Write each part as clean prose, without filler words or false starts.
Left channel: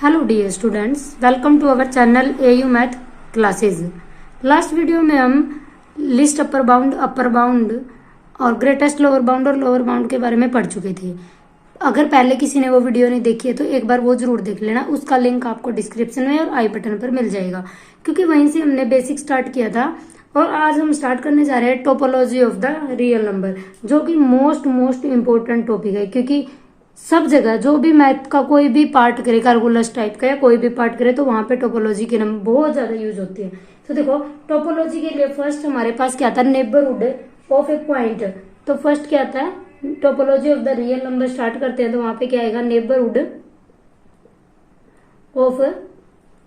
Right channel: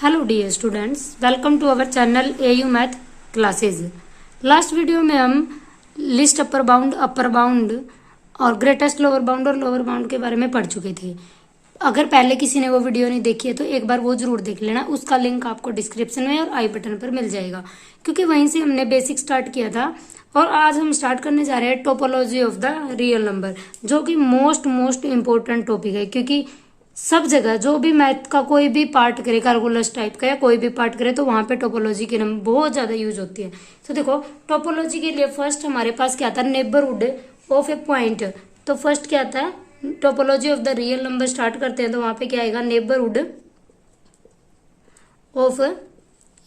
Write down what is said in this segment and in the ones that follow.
Hello dear students, welcome to our channel AU math classes. Last video में हम least upper bound और greatest lower bound और lower bound के बारे में पढ़ चुके थे। अगर पहले किसी ने वो वीडियो नहीं देखी है तो एक बार वो जरूर देख लेना। उसका लिंक आपको डिस्क्रिप्शन में और आई बटन पर मिल जाएगा, क्योंकि वहीं से हमने बेसिक स्टार्ट किया था। और आज हम स्टार्ट करने जा रहे हैं topology of the real number, जो कि मोस्ट इम्पोर्टेंट टॉपिक है। क्योंकि सब जगह जो भी मैथ का कोई भी पार्ट करे, कैलकुलस टाइप का या कोई भी पार्ट करे, तो वहां पे टोपोलॉजी के नाम बहुत ज्यादा यूज होती है। तो देखो, टोपोलॉजी के लिए फर्स्ट हमारे पास क्या था, नेबरहुड ऑफ ए पॉइंट। तो फर्स्ट क्या था, topology of the real number start करते हैं तो वहां पे क्या आएगा, नेबरहुड ऑफ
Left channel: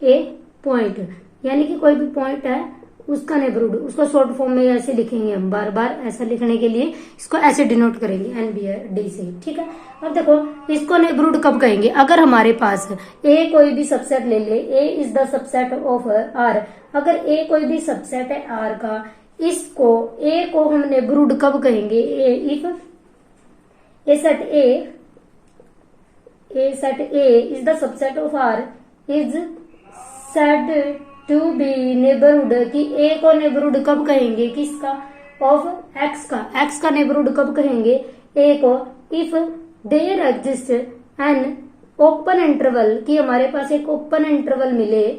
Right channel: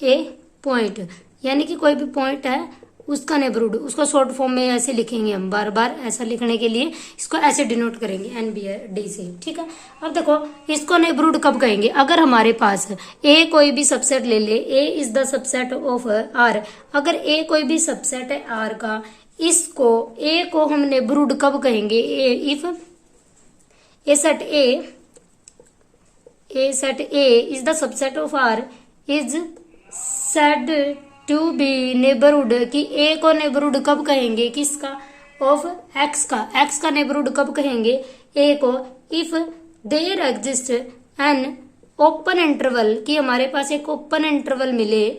ए पॉइंट, यानी कि कोई भी पॉइंट है उसका नेबरहुड। उसको शॉर्ट फॉर्म में ऐसे लिखेंगे हम, बार बार ऐसा लिखने के लिए इसको ऐसे डिनोट करेंगे NBD से, ठीक है। अब देखो, इसको नेबरहुड कब कहेंगे, अगर हमारे पास ए कोई भी सबसेट ले ले, A is the subset of R। अगर ए कोई भी सबसेट है R का, इसको ए को हम नेबरहुड कब कहेंगे, if a set A is the subset of R is said to be neighbourhood, कि ए को नेबरहुड कब कहेंगे, किसका, ऑफ एक्स का। एक्स का नेबरहुड कब कहेंगे, ए को, if there exist an open interval, कि हमारे पास एक ओपन इंटरवल मिले,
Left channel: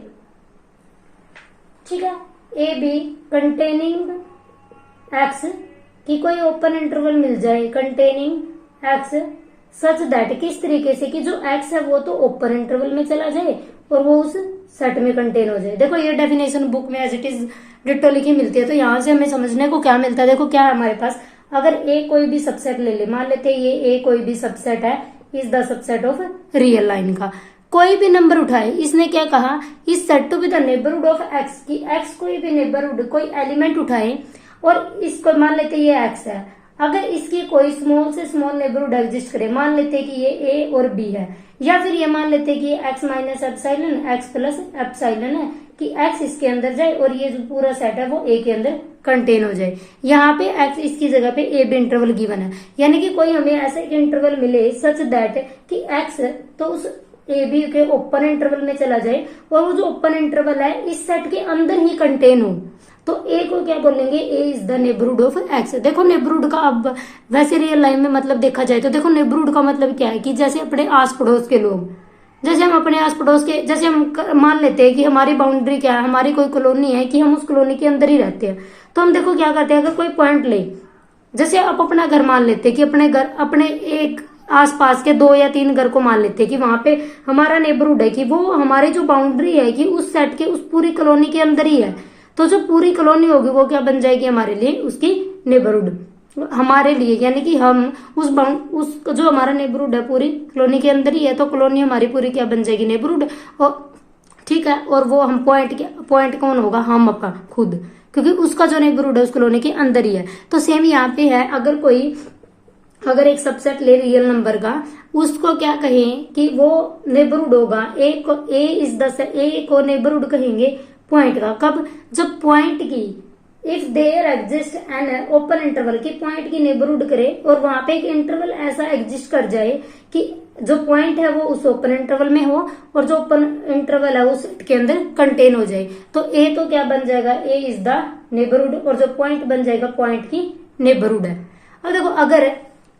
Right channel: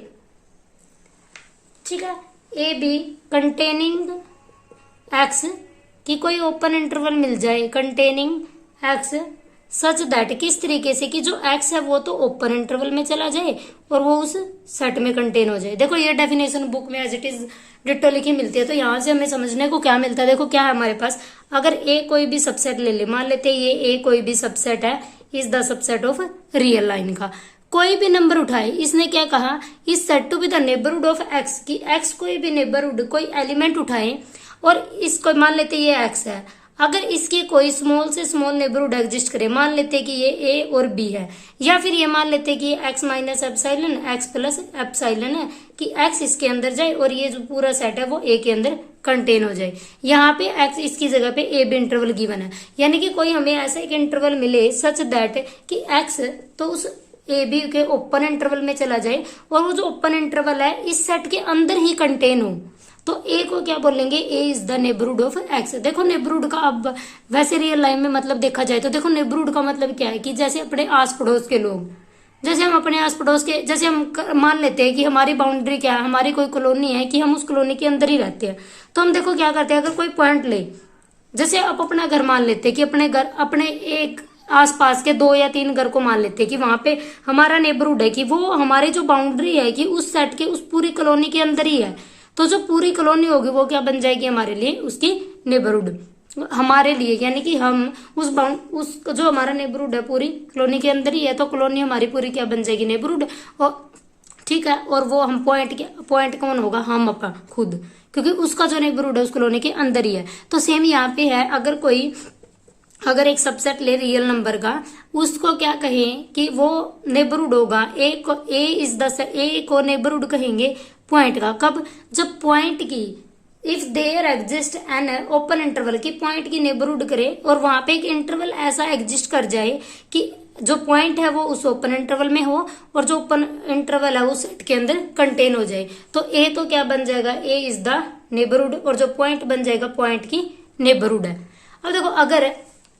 ठीक है, ए बी कंटेनिंग एक्स, कि कोई ओपन इंटरवल मिल जाए कंटेनिंग एक्स, सच दैट, किस तरीके से कि जो एक्स है वो तो ओपन इंटरवल में चला जाए और वो उस सेट में कंटेन हो जाए। देखो, ये डेफिनेशन बुक में एज इट इज डिट्टो लिखी मिलती है। तो यहाँ से हमें समझने को क्या मिलता है, देखो क्या है हमारे पास, अगर ए कोई भी सबसेट ले ले, मान लेते ये ए कोई भी सबसेट है, is the subset of real line का, कोई भी नंबर उठाए, इसने क्या कहा, is said to be the neighbourhood of x, की एक्स कोई भी नेबरहुड कोई एलिमेंट उठाए और इसको मान लेते ये एक्स है, अगर इसकी कोई स्मॉल से स्मॉल नेबरहुड एग्जिस्ट करे, मान लेते कि ये ए और बी है, या फिर ये मान लेते कि x minus epsilon x plus epsilon है, कि एक्स इसके अंदर जाए और ये जो पूरा सेट है वो ए के अंदर कंटेन हो जाए। यहाँ पे एक्स इसकी जगह पे ए बी इंटरवल गिवन है, यानी कि कोई हमें ऐसा एक इंटरवल मिले सच दैट कि एक्स तो उस ए बी के ओपन इंटरवल में चला जाए और वो जो ओपन इंटरवल है इस सेट के अंदर ही कंटेन हो, तो ए को क्या बोलेंगे, A is the neighbourhood of X. देखो, नेबरहुड का अब वैसे रियल लाइफ में मतलब देखा जाए तो देखो, नेबरहुड का मतलब क्या है, कि जैसे अपने आस पड़ोस के लोग, जैसे हम अपने आस पड़ोस के, जैसे हम मान लेते हैं कि हमारी बाउंड्री क्या है, हमारी कोई कॉलोनी है, कि हम उस कॉलोनी के अंदर ही रहते हैं, तो हम देखो क्या करते हैं, अगर कोई पॉइंट ले, जैसे आप अपना घर मान लेते हैं कि अपने घर, अपने एक आसपास के 2 या 3 घर को मान लेते हैं कि वहां पे हमारा नेबरहुड है, कि वो हमारी जो बाउंड्री है कि उस सेट के उस पूरी कॉलोनी के अंदर ही है, तो जो पूरी कॉलोनी होगी वो क्या बन जाएगी हमारे लिए, उसकी नेबरहुड हमारे लिए, यानी कि हम उस जो हमारा नेबरहुड है पूरी कॉलोनी के अंदर ही है, तो कॉलोनी हमारी पूरी क्या बन जाएगी, नेबरहुड। और ठीक है, और वो हम पॉइंट कौन होगा, हम अपना खुद, क्योंकि उसका जो नेबरहुड है उस कॉलोनी के अंदर ही है। तो सेम यहाँ पे है, अगर एक सबसेट ले रियल नंबर का, उसको क्या कहें कि वो नेबरहुड होगा, ए को नेबरहुड कहेंगे पॉइंट का, कब, जब पॉइंट की, if there exist an open interval, की पॉइंट की नेबरहुड करे और वहां पे एक इंटरवल ऐसा एग्जिस्ट कर जाए कि जो पॉइंट है वो उस ओपन इंटरवल में हो और जो ओपन इंटरवल है वो सेट के अंदर कंटेन हो जाए, तो ए तो क्या बन जाएगा, ए इज द नेबरहुड, और जो पॉइंट बन जाएगा पॉइंट की नेबरहुड है। अब देखो, अगर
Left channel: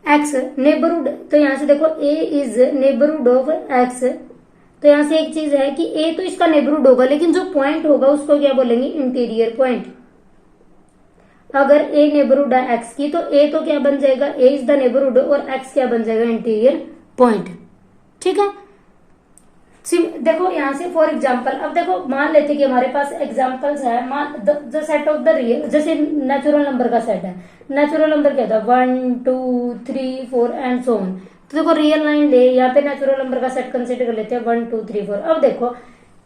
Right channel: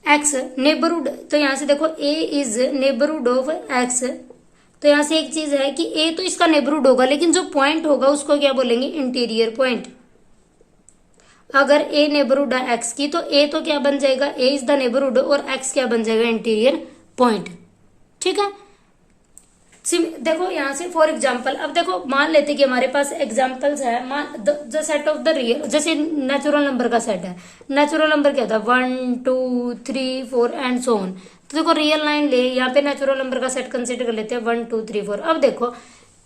एक्स नेबरहुड, तो यहां से देखो ए इज नेबरहुड ऑफ एक्स, तो यहां से एक चीज है कि ए तो इसका नेबरहुड होगा, लेकिन जो पॉइंट होगा उसको क्या बोलेंगे, इंटीरियर पॉइंट। अगर ए नेबरहुड है एक्स की, तो ए तो क्या बन जाएगा, ए इज द नेबरहुड, और एक्स क्या बन जाएगा, इंटीरियर पॉइंट, ठीक है। देखो यहां से फॉर एग्जाम्पल, अब देखो मान लेते कि हमारे पास एग्जाम्पल्स है, the set of the real, जैसे नेचुरल नंबर का सेट है, नेचुरल नंबर क्या था, 1 2 3 4 एंड सो ऑन। तो देखो रियल लाइन ले, यहाँ पे नेचुरल नंबर का सेट कंसिडर कर लेते हैं 1 2 3 4। अब देखो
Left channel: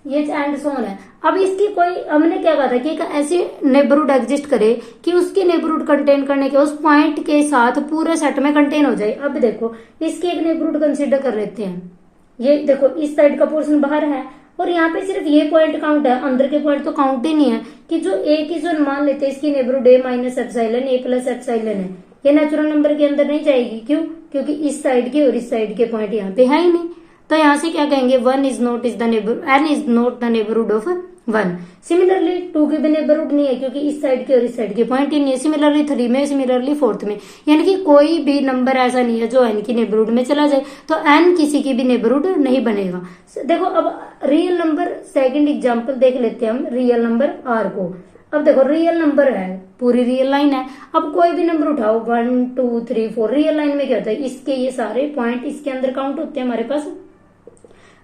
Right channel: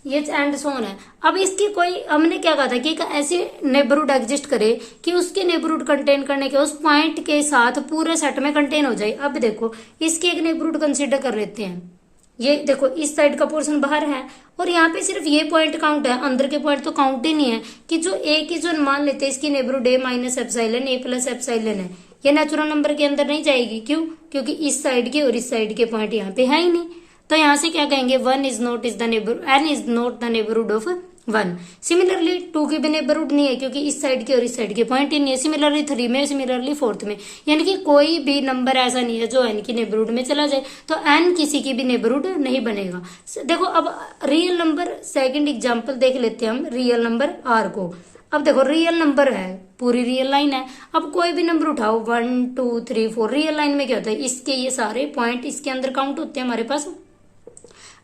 ये एंड सो ऑन है, अब इसकी कोई, हमने क्या कहा था कि एक ऐसी नेबरहुड एग्जिस्ट करे कि उसके नेबरहुड कंटेन करने के उस पॉइंट के साथ पूरे सेट में कंटेन हो जाए। अब देखो, इसके एक नेबरहुड कंसिडर कर लेते हैं, ये देखो इस साइड का पोर्शन बाहर है और यहाँ पे सिर्फ ये पॉइंट काउंट है, अंदर के पॉइंट तो काउंट ही नहीं है, कि जो ए की जो मान लेते हैं इसकी नेबरहुड ए माइनस एप्सिलॉन, ए प्लस एप्सिलॉन है, ये नेचुरल नंबर के अंदर नहीं जाएगी। क्यों? क्योंकि इस साइड के और इस साइड के पॉइंट यहाँ पे है ही नहीं। तो यहाँ से क्या कहेंगे, n is not the neighbourhood of 1। Similarly 2 की भी नेबरहुड नहीं है क्योंकि इस साइड के और इस साइड के पॉइंट ही नहीं है। सिमिलरली 3 में, सिमिलरली 4th में, यानी कि कोई भी नंबर ऐसा नहीं है जो n की नेबरहुड में चला जाए, तो n किसी की भी नेबरहुड नहीं बनेगा। देखो अब रियल नंबर, सेकंड एग्जांपल देख लेते हैं हम रियल नंबर r को। अब देखो रियल नंबर है, पूरी रियल लाइन है। अब कोई भी नंबर उठाओ 1 2 3 4, रियल लाइन में क्या होता है, इसके ये सारे पॉइंट इसके अंदर काउंट होते हैं हमारे पास।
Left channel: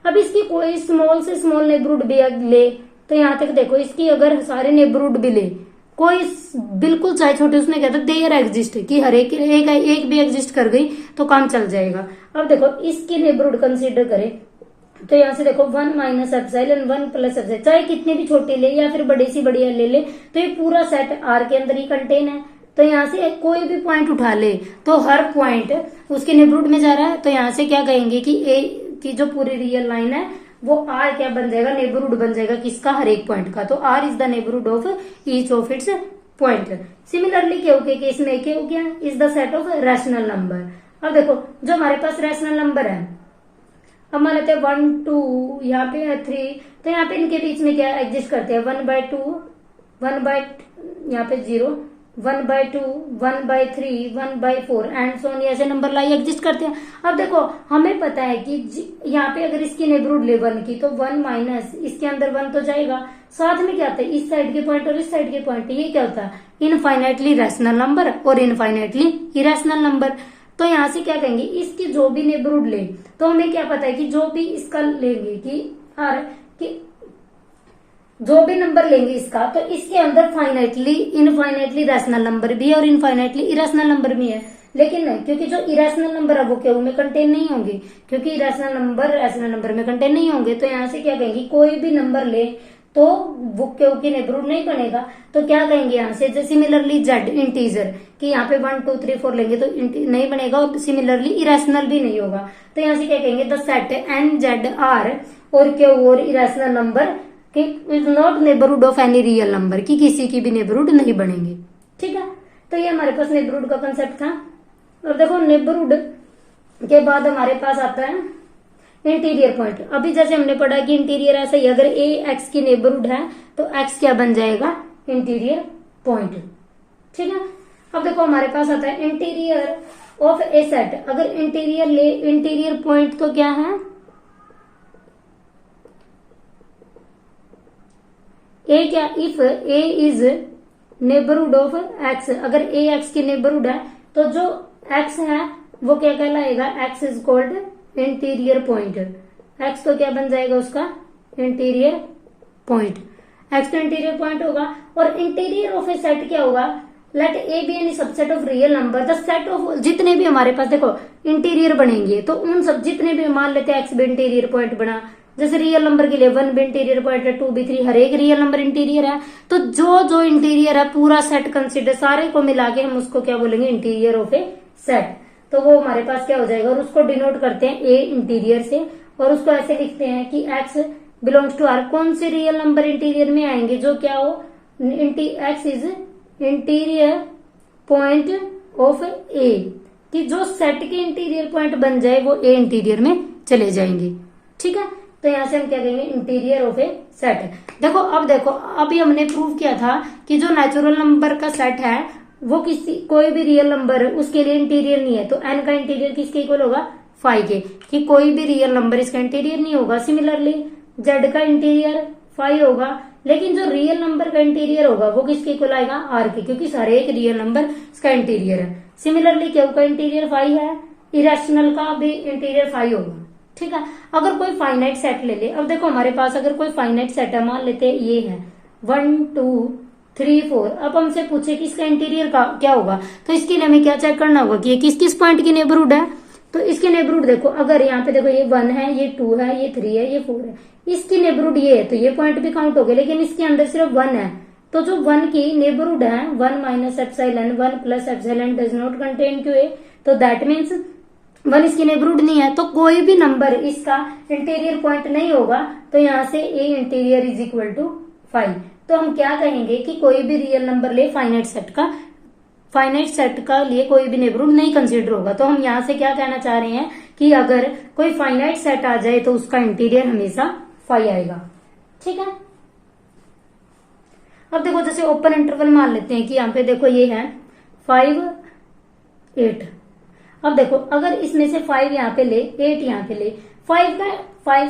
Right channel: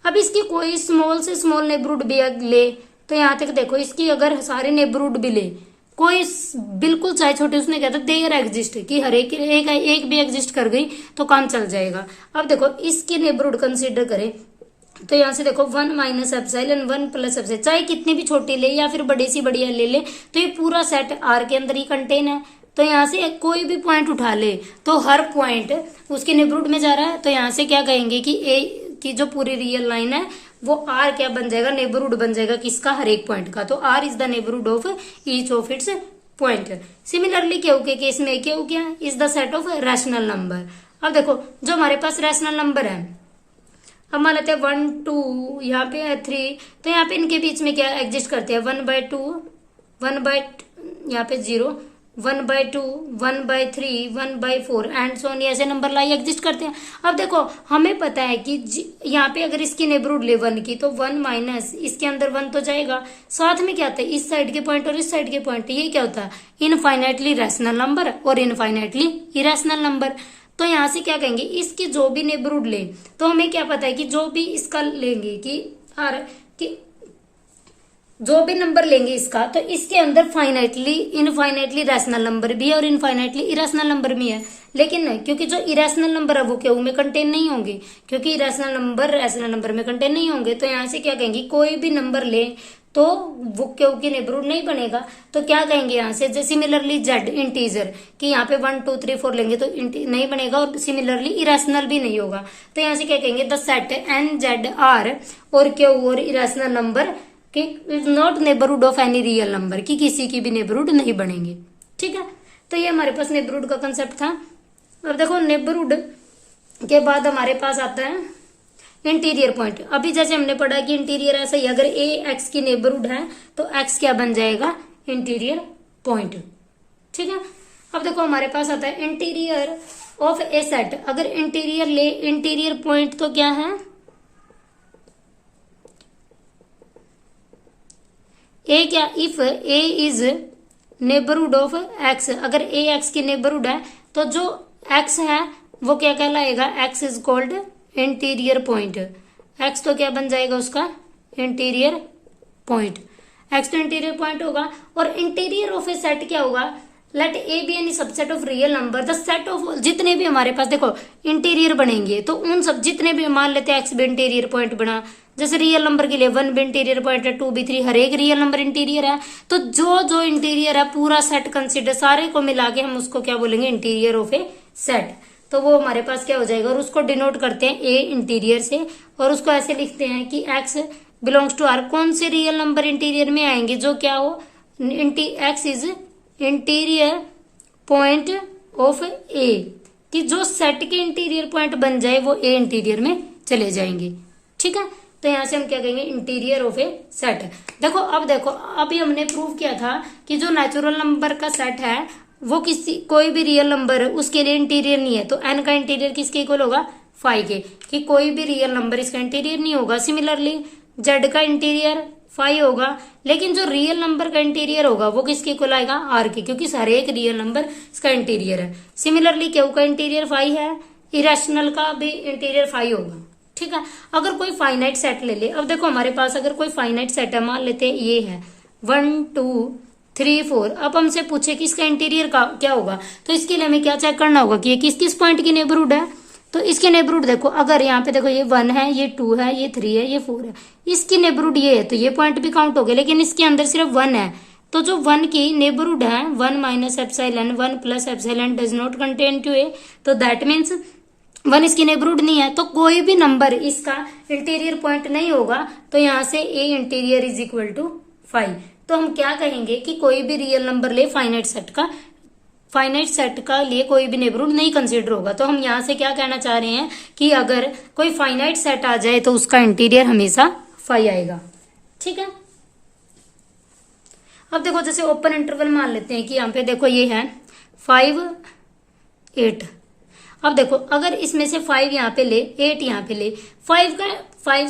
अब इसकी कोई स्मॉल से स्मॉल नेबरहुड भी ले, तो यहां तक देखो इसकी अगर सारे नेबरहुड भी ले, कोई बिल्कुल चाहे छोटे, उसने कहता देयर एग्जिस्ट कि हर एक भी एग्जिस्ट कर गई तो काम चल जाएगा। अब देखो इसके नेबरहुड कंसीडर करें तो यहां से देखो 1 माइनस एप्सिलॉन 1 प्लस एप्सिलॉन, चाहे कितनी भी छोटी ले या फिर बड़ी सी बड़ी ले तो ये पूरा सेट आर के अंदर ही कंटेन है। तो यहाँ से कोई भी पॉइंट उठा ले तो हर पॉइंट उसके नेबरहुड में जा रहा है। तो यहाँ से क्या कहेंगे कि ए की जो पूरी रियल लाइन है वो आर क्या बन जाएगा, नेबरहुड बन जाएगा किसका, हर एक पॉइंट का। तो R is the neighbourhood of each of its point. Similarly Q के केस में क्या हो गया, is the set of rational number. अब देखो जो हमारे पास रैशनल नंबर है, अब मान लेते हैं 1 2, यहाँ पे है 3, तो यहाँ पे इनके बीच में क्या एग्जिस्ट करते हैं, 1/2, 1 यहाँ पे 0, 1/2, 1/3, 1/4 एंड सो ऑन, ऐसे नंबर लाई एग्जिस्ट करते हैं। अब देखो हमें पता है कि यहाँ पे अगर इसकी नेबरहुड ले 1 की तो 1 माइनस इसके अंदर 1 तो जाएगा, साथ में क्या होता है इस साइड के पॉइंट और इस साइड के पॉइंट, ये क्या होता है इनफाइनाइटली रैशनल नंबर और इनफाइनाइटली इरेशनल नंबर। तो यहाँ से क्या कहेंगे, इसकी जो भी नेबरहुड ले, तो हमें क्या पता है कि जो भी इसका लेंगे कि जो भी नंबर लेंगे इसका, तो इसके अंदर इनफाइनाइटली रैशनल नंबर भी है और इनफाइनाइटली इरेशनल नंबर भी है। लेकिन नहीं, क्योंकि जो इरेशनल नंबर है वो क्यू में कंटेन नहीं होंगे, क्योंकि इरेशनल नंबर रैशनल नंबर में कंटेन नहीं होंगे। तो यहाँ से क्या कहेंगे, कोई भी नंबर ले तो वो क्यू की नेबरहुड नहीं बनेगा। तो क्या कहेंगे यहाँ से, जैसे सिमिलरली जेड इंटीजर कि यहाँ पे 1 2 3 4 लेंगे तो नहीं बनेगा और सिमिलरली इरेशनल भी नहीं होगा। तो यहाँ से क्या कहेंगे, the set N Z R और क्यू और irrational number is not neighbourhood of any real number, की किसी की भी नेबरहुड नहीं बनेंगे। ठीक है, तो ये हमारे पास नेबरहुड का कंसेप्ट था। और देखो नेबरहुड के बाद हमारे पास आता है इंटीरियर पॉइंट। अभी जैसे हमने पढ़ा कि इंटीरियर ऐसा ही, अगर ए एक्स की नेबरहुड है तो एक्स क्या बन जाएगा, इंटीरियर पॉइंट। ठीक है, अब देखो हमारे पास आता है इंटीरियर ऑफ ए सेट। अगर इंटीरियर ले, इंटीरियर पॉइंट तो क्या है, ए क्या, if A is neighbourhood of x, अगर ए एक्स की नेबरहुड है तो जो एक्स है वो क्या कहलाएगा, x is called interior point. X तो क्या बन जाएगा उसका, इंटीरियर पॉइंट। एक्स तो इंटीरियर पॉइंट होगा। और इंटीरियर ऑफ ए सेट क्या होगा, let A be any subset of real number, the set of, जितने भी हमारे पास देखो इंटीरियर बनेंगे तो उन सब जितने भी, मान लेते हैं एक्स भी इंटीरियर पॉइंट बना, जैसे रियल नंबर के लिए 1 भी इंटीरियर पॉइंट है, 2 भी 3, हर एक रियल नंबर इंटीरियर है। तो जो जो इंटीरियर है पूरा सेट कंसिडर, सारे को मिला के हम उसको क्या बोलेंगे, इंटीरियर ऑफ ए सेट। तो वो हमारे पास क्या हो जाएगा, और उसको डिनोट करते हैं ए इंटीरियर से, और उसको ऐसे लिखते हैं कि एक्स बिलोंग्स टू आर। कौन से रियल नंबर इंटीरियर में आएंगे, जो क्या हो, X is interior point of A, कि जो सेट के इंटीरियर पॉइंट बन जाए वो ए इंटीरियर में चले जाएंगे। ठीक है, तो यहां से हम क्या कहेंगे, इंटीरियर ऑफ ए सेट। देखो अब देखो, अभी हमने प्रूव किया था कि जो नेचुरल नंबर का सेट है वो कोई भी रियल नंबर है उसके लिए इंटीरियर नहीं है। तो एन का इंटीरियर किसके इक्वल होगा, 5 के, कि कोई भी रियल नंबर इसका इंटीरियर नहीं होगा। सिमिलरली जेड का इंटीरियर 5 होगा, लेकिन जो रियल नंबर का इंटीरियर होगा वो किसके इक्वल आएगा, आर के, क्योंकि हर एक रियल नंबर इसका इंटीरियर है। सिमिलरली क्यू का इंटीरियर 5 है, इरेशनल का भी इंटीरियर 5 होगा। ठीक है, अगर कोई फाइनाइट सेट ले ले, अब देखो हमारे पास अगर कोई फाइनाइट सेट है, मान लेते हैं ये है 1 2 3 4, अब हमसे पूछे कि इसका इंटीरियर का क्या होगा, तो इसके लिए हमें क्या चेक करना होगा कि ये किस किस पॉइंट की नेबरहुड है। तो इसकी नेबरहुड देखो, अगर यहाँ पे देखो ये 1 है, ये 2 है, ये 3 है, ये 4 है, इसकी नेबरहुड ये है, तो ये पॉइंट भी काउंट हो गए। लेकिन इसके अंदर सिर्फ 1 है, तो जो 1 की नेबरहुड है 1 minus epsilon 1 plus epsilon does not contain to A, तो दैट मीन्स 1 इसकी नेबरहुड नहीं है, तो कोई भी नंबर इसका इंटीरियर पॉइंट नहीं होगा। तो यहाँ से ए इंटीरियर इज इक्वल टू 5। तो हम क्या कहेंगे कि कोई भी रियल नंबर ले फाइनाइट सेट का, फाइनाइट सेट का लिए कोई भी नेबरहुड नहीं कंसीडर होगा। तो हम यहां से क्या कहना चाह रहे हैं कि अगर कोई फाइनाइट सेट आ जाए तो उसका इंटीरियर हमेशा फाई आएगा। ठीक है, अब देखो जैसे ओपन इंटरवल मान लेते हैं कि यहाँ पे देखो ये है 5 8। अब देखो अगर इसमें से 5 यहाँ पे ले 8 यहाँ पे ले 5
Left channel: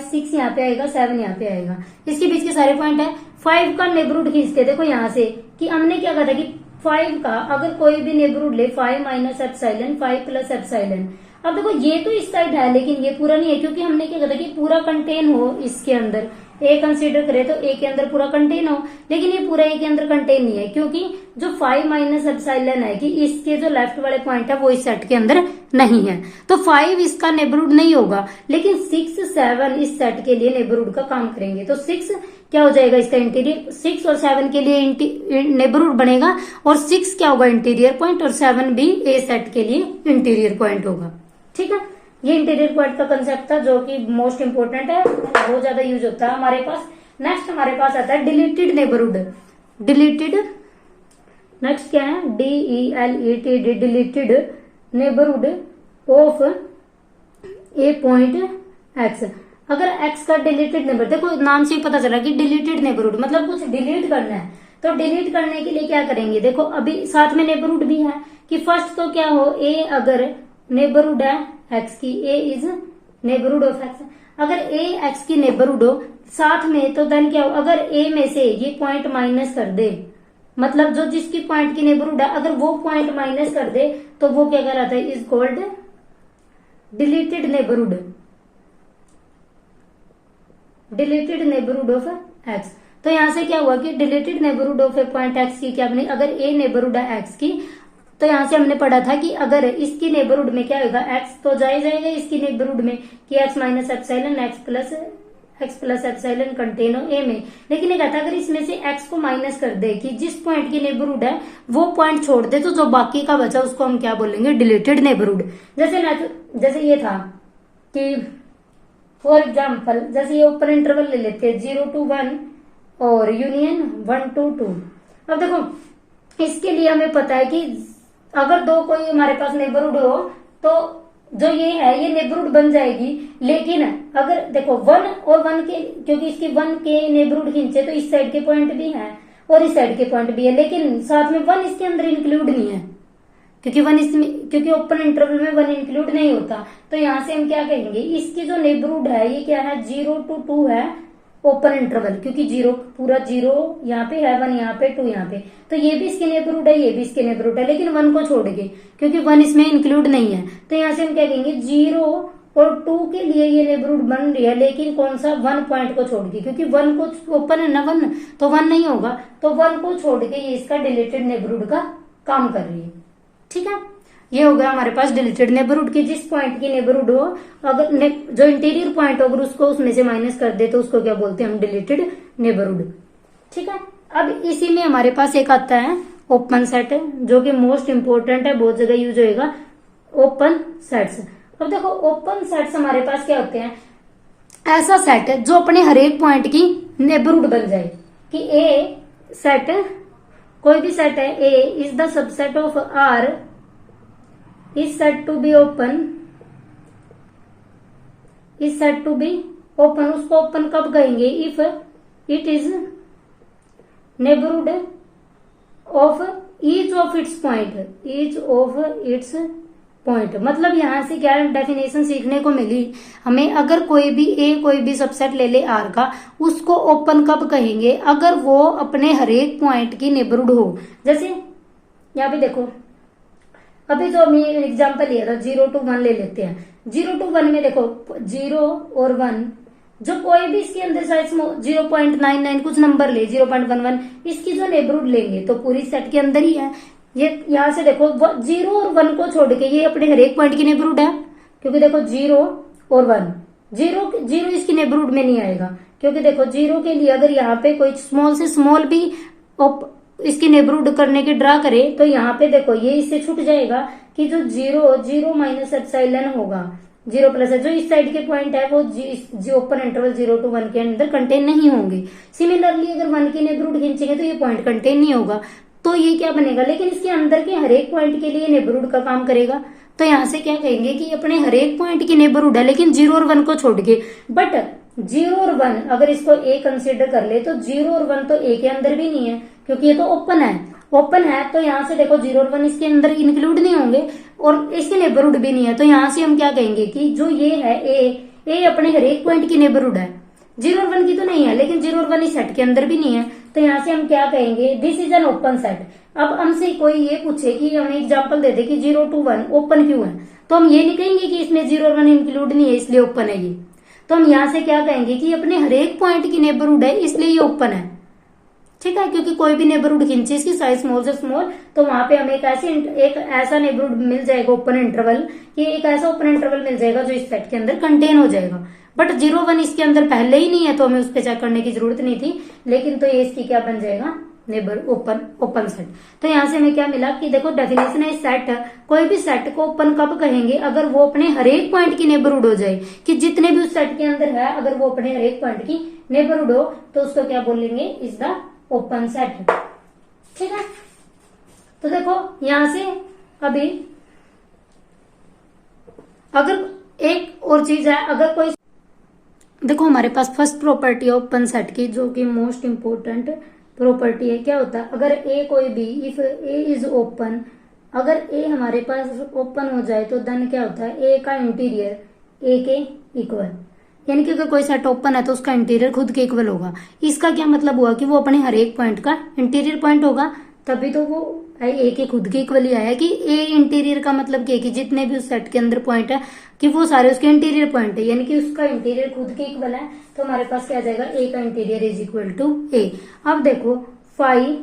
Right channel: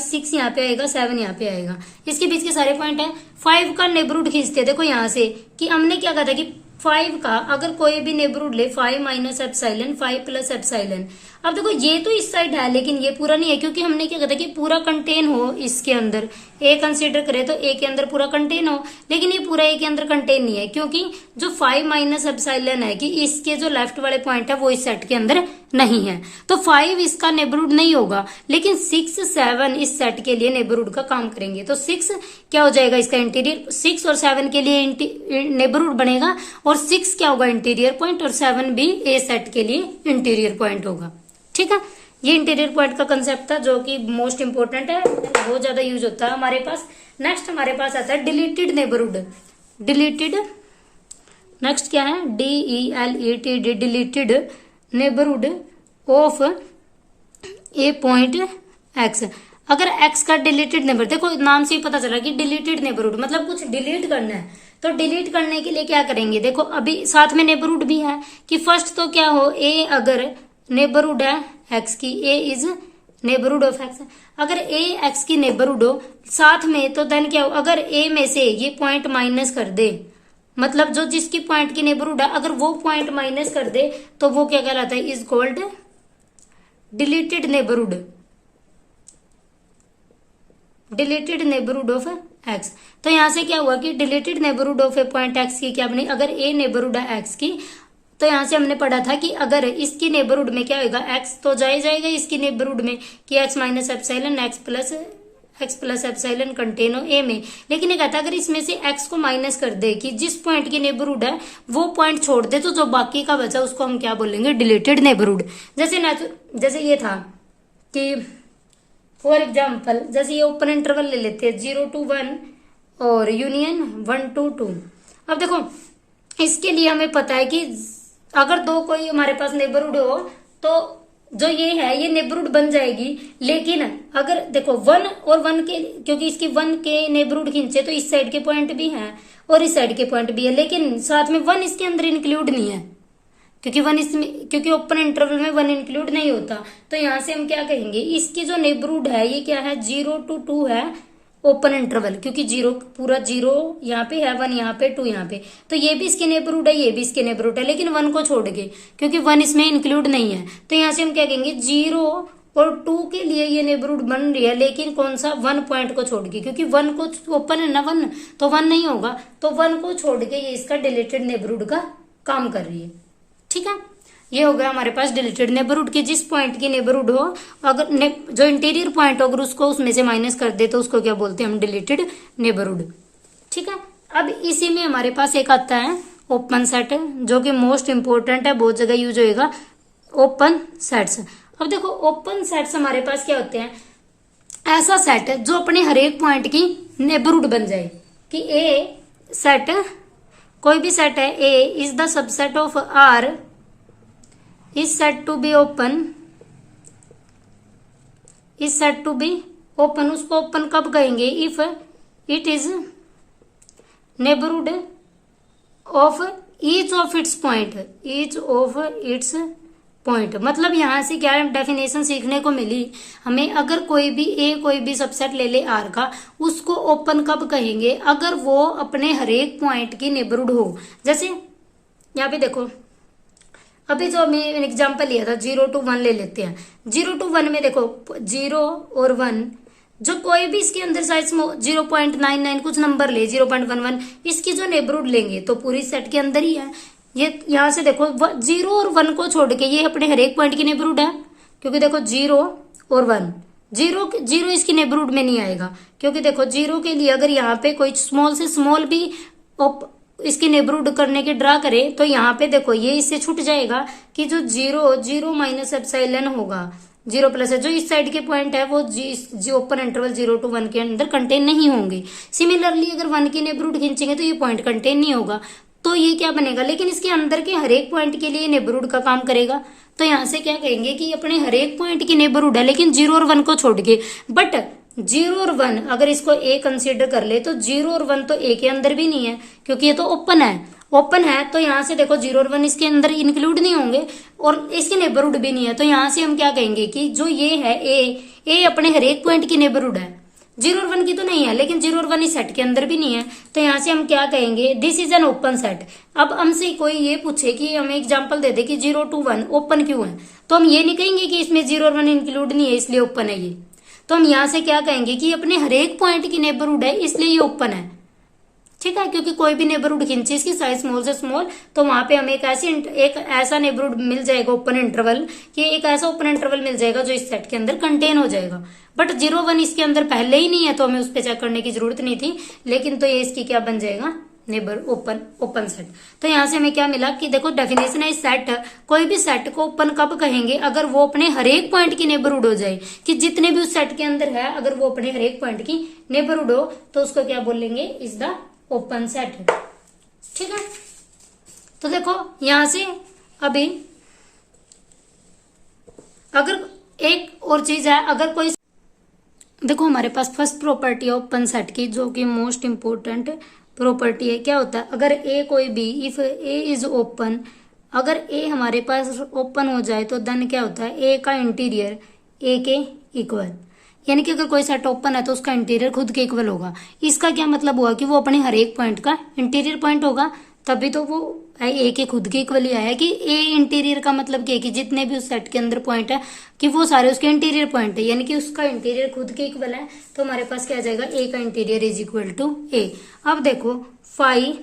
6 यहाँ पे आएगा 7 यहाँ पे आएगा, इसके बीच के सारे पॉइंट है। 5 का नेबरहुड खींचते हैं देखो यहाँ से कि हमने क्या कहा था कि 5 का अगर कोई भी नेबरहुड ले 5 माइनस एप्सिलॉन 5 प्लस एप्सिलॉन। अब देखो ये तो इस साइड है लेकिन ये पूरा नहीं है, क्योंकि हमने क्या कहा था कि पूरा कंटेन हो इसके अंदर, ए कंसीडर करे तो ए के अंदर पूरा कंटेन हो, लेकिन ये पूरा ए के अंदर कंटेन नहीं है क्योंकि जो 5 माइनस एप्सिलॉन है कि इसके जो लेफ्ट वाले पॉइंट है वो इस सेट के अंदर नहीं है, तो 5 इसका नेबरहुड नहीं होगा। लेकिन 6 7 इस सेट के लिए नेबरहुड का काम करेंगे, तो 6 क्या हो जाएगा इसका इंटीरियर, 6 और 7 के लिए नेबरहुड बनेगा और 6 क्या होगा इंटीरियर पॉइंट और 7 भी ए सेट के लिए इंटीरियर पॉइंट होगा। ठीक है, ये इंटीरियर पॉइंट का कंसेप्ट था जो कि मोस्ट इंपोर्टेंट है, बहुत ज्यादा यूज होता है हमारे पास। नेक्स्ट हमारे पास आता है डिलीटेड नेबरहुड। डिलीटेड नेक्स्ट क्या है, DELETED deleted neighbourhood of A point x. अगर एक्स का डिलीटेड नेबरहुड, देखो नाम से ही पता चला कि डिलीटेड नेबरहुड मतलब कुछ डिलीट करना है, तो डिलीट करने के लिए क्या करेंगे, देखो अभी साथ में नेबरहुड भी है कि फर्स्ट तो क्या हो, ए अगर नेबरहुड है एक्स की, ए इज नेबरहुड ऑफ एक्स, अगर ए एक्स की नेबरहुड हो साथ में तो देन क्या हो, अगर ए में से ये पॉइंट माइनस कर दे, मतलब जो जिसकी पॉइंट की नेबरहुड है अगर वो पॉइंट माइनस कर दे तो वो क्या कहलाता है, is called deleted neighbourhood. Deleted neighbourhood of x. तो यहां से क्या हुआ कि deleted neighbourhood of A point x की क्या बनी, अगर ए नेबरहुड है एक्स की, तो यहां से हमने पढ़ा था कि अगर इसकी नेबरहुड में क्या होगा, एक्स तो जाएगा इसकी नेबरहुड में कि x minus epsilon x plus epsilon contain हो ए में, लेकिन ये कहता है अगर इसमें से एक्स को माइनस कर दे कि जिस पॉइंट की नेबरहुड है वो पॉइंट छोड़ दे, तो जो बाकी का बचा उसको हम क्या बोलेंगे, डिलीटेड नेबरहुड। जैसे ये था कि फॉर एग्जाम्पल जैसे ये ओपन इंटरवल ले लेते हैं 0 to 1 और यूनियन 1 to 2। अब देखो इसके लिए हमें पता है कि अगर दो कोई हमारे पास नेबरहुड हो तो जो ये है ये नेबरहुड बन जाएगी, लेकिन अगर देखो 1 और 1 के, क्योंकि इसकी 1 के नेबरहुड खींचे तो इस साइड के पॉइंट भी हैं और इस साइड के पॉइंट भी है, लेकिन साथ में 1 इसके अंदर इंक्लूड नहीं है क्योंकि ओपन इंटरवल में 1 इंक्लूड नहीं होता। तो यहां से हम क्या कहेंगे, इसकी जो नेबरहुड है ये क्या है, 0 to 2 है ओपन इंटरवल, क्योंकि 0 पूरा 0 यहाँ पे है, 1 यहाँ पे 2 यहाँ पे, तो ये भी इसके नेबरहुड है ये भी इसके नेबरहुड है, लेकिन 1 को छोड़ के क्योंकि 1 इसमें इंक्लूड नहीं है। तो यहाँ से हम क्या कहेंगे, 0 और 2 के लिए ये नेबरहुड बन रही है, लेकिन कौन सा, 1 पॉइंट को छोड़ के, क्योंकि 1 को ओपन है ना 1, तो 1 नहीं होगा, तो 1 को छोड़ के ये इसका डिलीटेड नेबरहुड का काम कर रही है। ठीक है, ये हो गया हमारे पास डिलीटेड नेबरहुड की जिस पॉइंट की नेबरहुड हो, अगर जो इंटीरियर पॉइंट हो अगर उसको उसमें से माइनस कर दे तो उसको क्या बोलते हैं हम, डिलीटेड नेबरहुड। ठीक है, अब इसी में हमारे पास एक आता है ओपन सेट जो कि मोस्ट इंपोर्टेंट है, बहुत जगह यूज होएगा, ओपन सेट्स। अब देखो ओपन सेट्स हमारे पास क्या होते हैं, ऐसा सेट है जो अपने हर एक पॉइंट की नेबरहुड बन जाए कि ए सेट, कोई भी सेट है A is the subset of R is said to be open, उसको ओपन कब कहेंगे, if it is neighbourhood of each of its point. मतलब यहां से क्या डेफिनेशन सीखने को मिली हमें, अगर कोई भी सबसेट ले ले आर का, उसको ओपन कब कहेंगे, अगर वो अपने हर एक पॉइंट की नेबरहुड हो। जैसे यहाँ पे देखो अभी जो हमने एग्जांपल लिया था 0 to 1 ले लेते हैं, 0 to 1 में देखो 0 और 1 जो कोई भी इसके अंदर साइज 0.99 कुछ नंबर ले 0.11, इसकी जो नेबरहुड लेंगे तो पूरी सेट के अंदर ही है। ये यहाँ से देखो 0 और 1 को छोड़ के ये अपने हर एक पॉइंट की नेबरहुड है, क्योंकि देखो 0 और 1, 0 इसकी नेबरहुड में नहीं आएगा, क्योंकि देखो 0 के लिए अगर यहाँ पे कोई स्मॉल से स्मॉल भी इसकी नेबरहुड करने की ड्रा करे तो यहाँ पे देखो ये इससे छूट जाएगा कि जो 0 माइनस एप्सिलॉन होगा 0 प्लस है, जो इस साइड के पॉइंट है वो जो ओपन इंटरवल 0 to 1 के अंदर कंटेन नहीं होंगे। सिमिलरली अगर 1 की नेबरहुड खींचेंगे तो ये पॉइंट कंटेन नहीं होगा। तो ये क्या बनेगा, लेकिन इसके अंदर के हर एक पॉइंट के लिए नेबरहुड का काम करेगा। तो यहाँ से क्या कहेंगे कि अपने हर एक पॉइंट की नेबरहुड है, लेकिन 0 और 1 को छोड़ के। बट 0 और 1 अगर इसको ए कंसीडर कर ले तो 0 और 1 तो ए के अंदर भी नहीं है, क्योंकि ये तो ओपन है। ओपन है तो यहाँ से देखो 0 और 1 इसके अंदर इंक्लूड नहीं होंगे और इसकी नेबरहुड भी नहीं है। तो यहाँ से हम क्या कहेंगे कि जो ये है ए अपने हर एक पॉइंट की नेबरहुड है। 0 और 1 की तो नहीं है, लेकिन 0 और 1 इस सेट के अंदर भी नहीं है। तो यहाँ से हम क्या कहेंगे, this is an open set. अब हमसे कोई ये पूछे कि हमें एग्जांपल दे दे कि 0 to 1 ओपन क्यों है, तो हम ये नहीं कहेंगे कि इसमें 0 और 1 इंक्लूड नहीं है इसलिए ओपन है ये। तो हम यहाँ से क्या कहेंगे कि अपने हर एक पॉइंट की नेबरहुड है इसलिए ये ओपन है। ठीक है, क्योंकि कोई भी नेबरहुड खींचे इसकी साइज स्मॉल से स्मॉल, तो वहां पे हमें एक ऐसा नेबरहुड मिल जाएगा ओपन इंटरवल, कि एक ऐसा ओपन इंटरवल मिल जाएगा जो इस सेट के अंदर कंटेन हो जाएगा। बट 0 1 इसके अंदर पहले ही नहीं है तो हमें उस पर चेक करने की जरूरत नहीं थी, लेकिन तो ये इसकी क्या बन जाएगा, नेबर ओपन सेट। तो यहाँ से हमें क्या मिला कि देखो डेफिनेशन है सेट, कोई भी सेट को ओपन कब कहेंगे, अगर वो अपने हर एक पॉइंट की नेबरहुड हो जाए, कि जितने भी उस सेट के अंदर है अगर वो अपने हर एक पॉइंट की नेबरहुड हो तो उसको क्या बोलेंगे, इज द ओपन सेट। ठीक है, तो देखो यहां से अभी अगर एक और चीज है, अगर कोई देखो हमारे पास फर्स्ट प्रॉपर्टी है ओपन सेट की, जो कि मोस्ट इंपोर्टेंट प्रॉपर्टी है। क्या होता है, अगर ए कोई भी, इफ ए इज ओपन, अगर ए हमारे पास ओपन हो जाए तो देन क्या होता है, ए का इंटीरियर ए के इक्वल, यानी कि अगर कोई सेट ओपन है तो उसका इंटीरियर खुद के इक्वल होगा। इसका क्या मतलब हुआ कि वो अपने हर एक पॉइंट का इंटीरियर पॉइंट होगा, तभी तो वो ए के खुद के इक्वल ही आया है। कि ए इंटीरियर का मतलब क्या है कि जितने भी उस सेट के अंदर पॉइंट है कि वो सारे उसके इंटीरियर पॉइंट है, यानी कि उसका इंटीरियर खुद के इक्वल है। तो हमारे पास क्या आ जाएगा, ए का इंटीरियर इज इक्वल टू ए। अब देखो फाई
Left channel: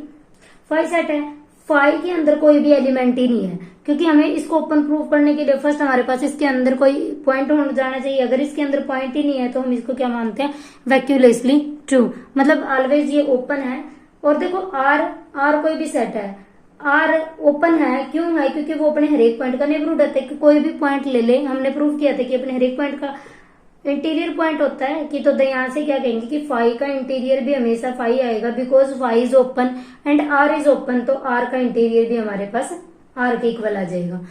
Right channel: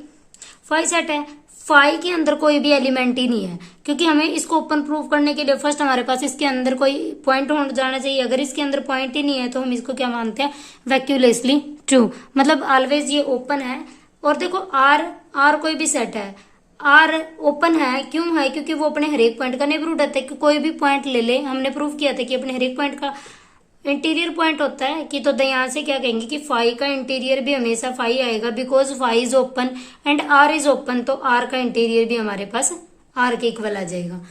सेट है, फाई के अंदर कोई भी एलिमेंट ही नहीं है, क्योंकि हमें इसको ओपन प्रूफ करने के लिए फर्स्ट हमारे पास इसके अंदर कोई पॉइंट हो जाना चाहिए। अगर इसके अंदर पॉइंट ही नहीं है तो हम इसको क्या मानते हैं, वैक्यूलेसली ट्रू, मतलब ऑलवेज ये ओपन है। और देखो आर कोई भी सेट है, आर ओपन है, क्यों है, क्योंकि वो अपने हर एक पॉइंट का नेबरहुड होता है। कि कोई भी पॉइंट ले ले, हमने प्रूव किया था कि अपने हर एक पॉइंट का इंटीरियर पॉइंट होता है। कि तो यहाँ से क्या कहेंगे कि फाई का इंटीरियर भी हमेशा फाई आएगा, because phi is open and R is open, तो आर का इंटीरियर भी हमारे पास आर के इक्वल आ जाएगा।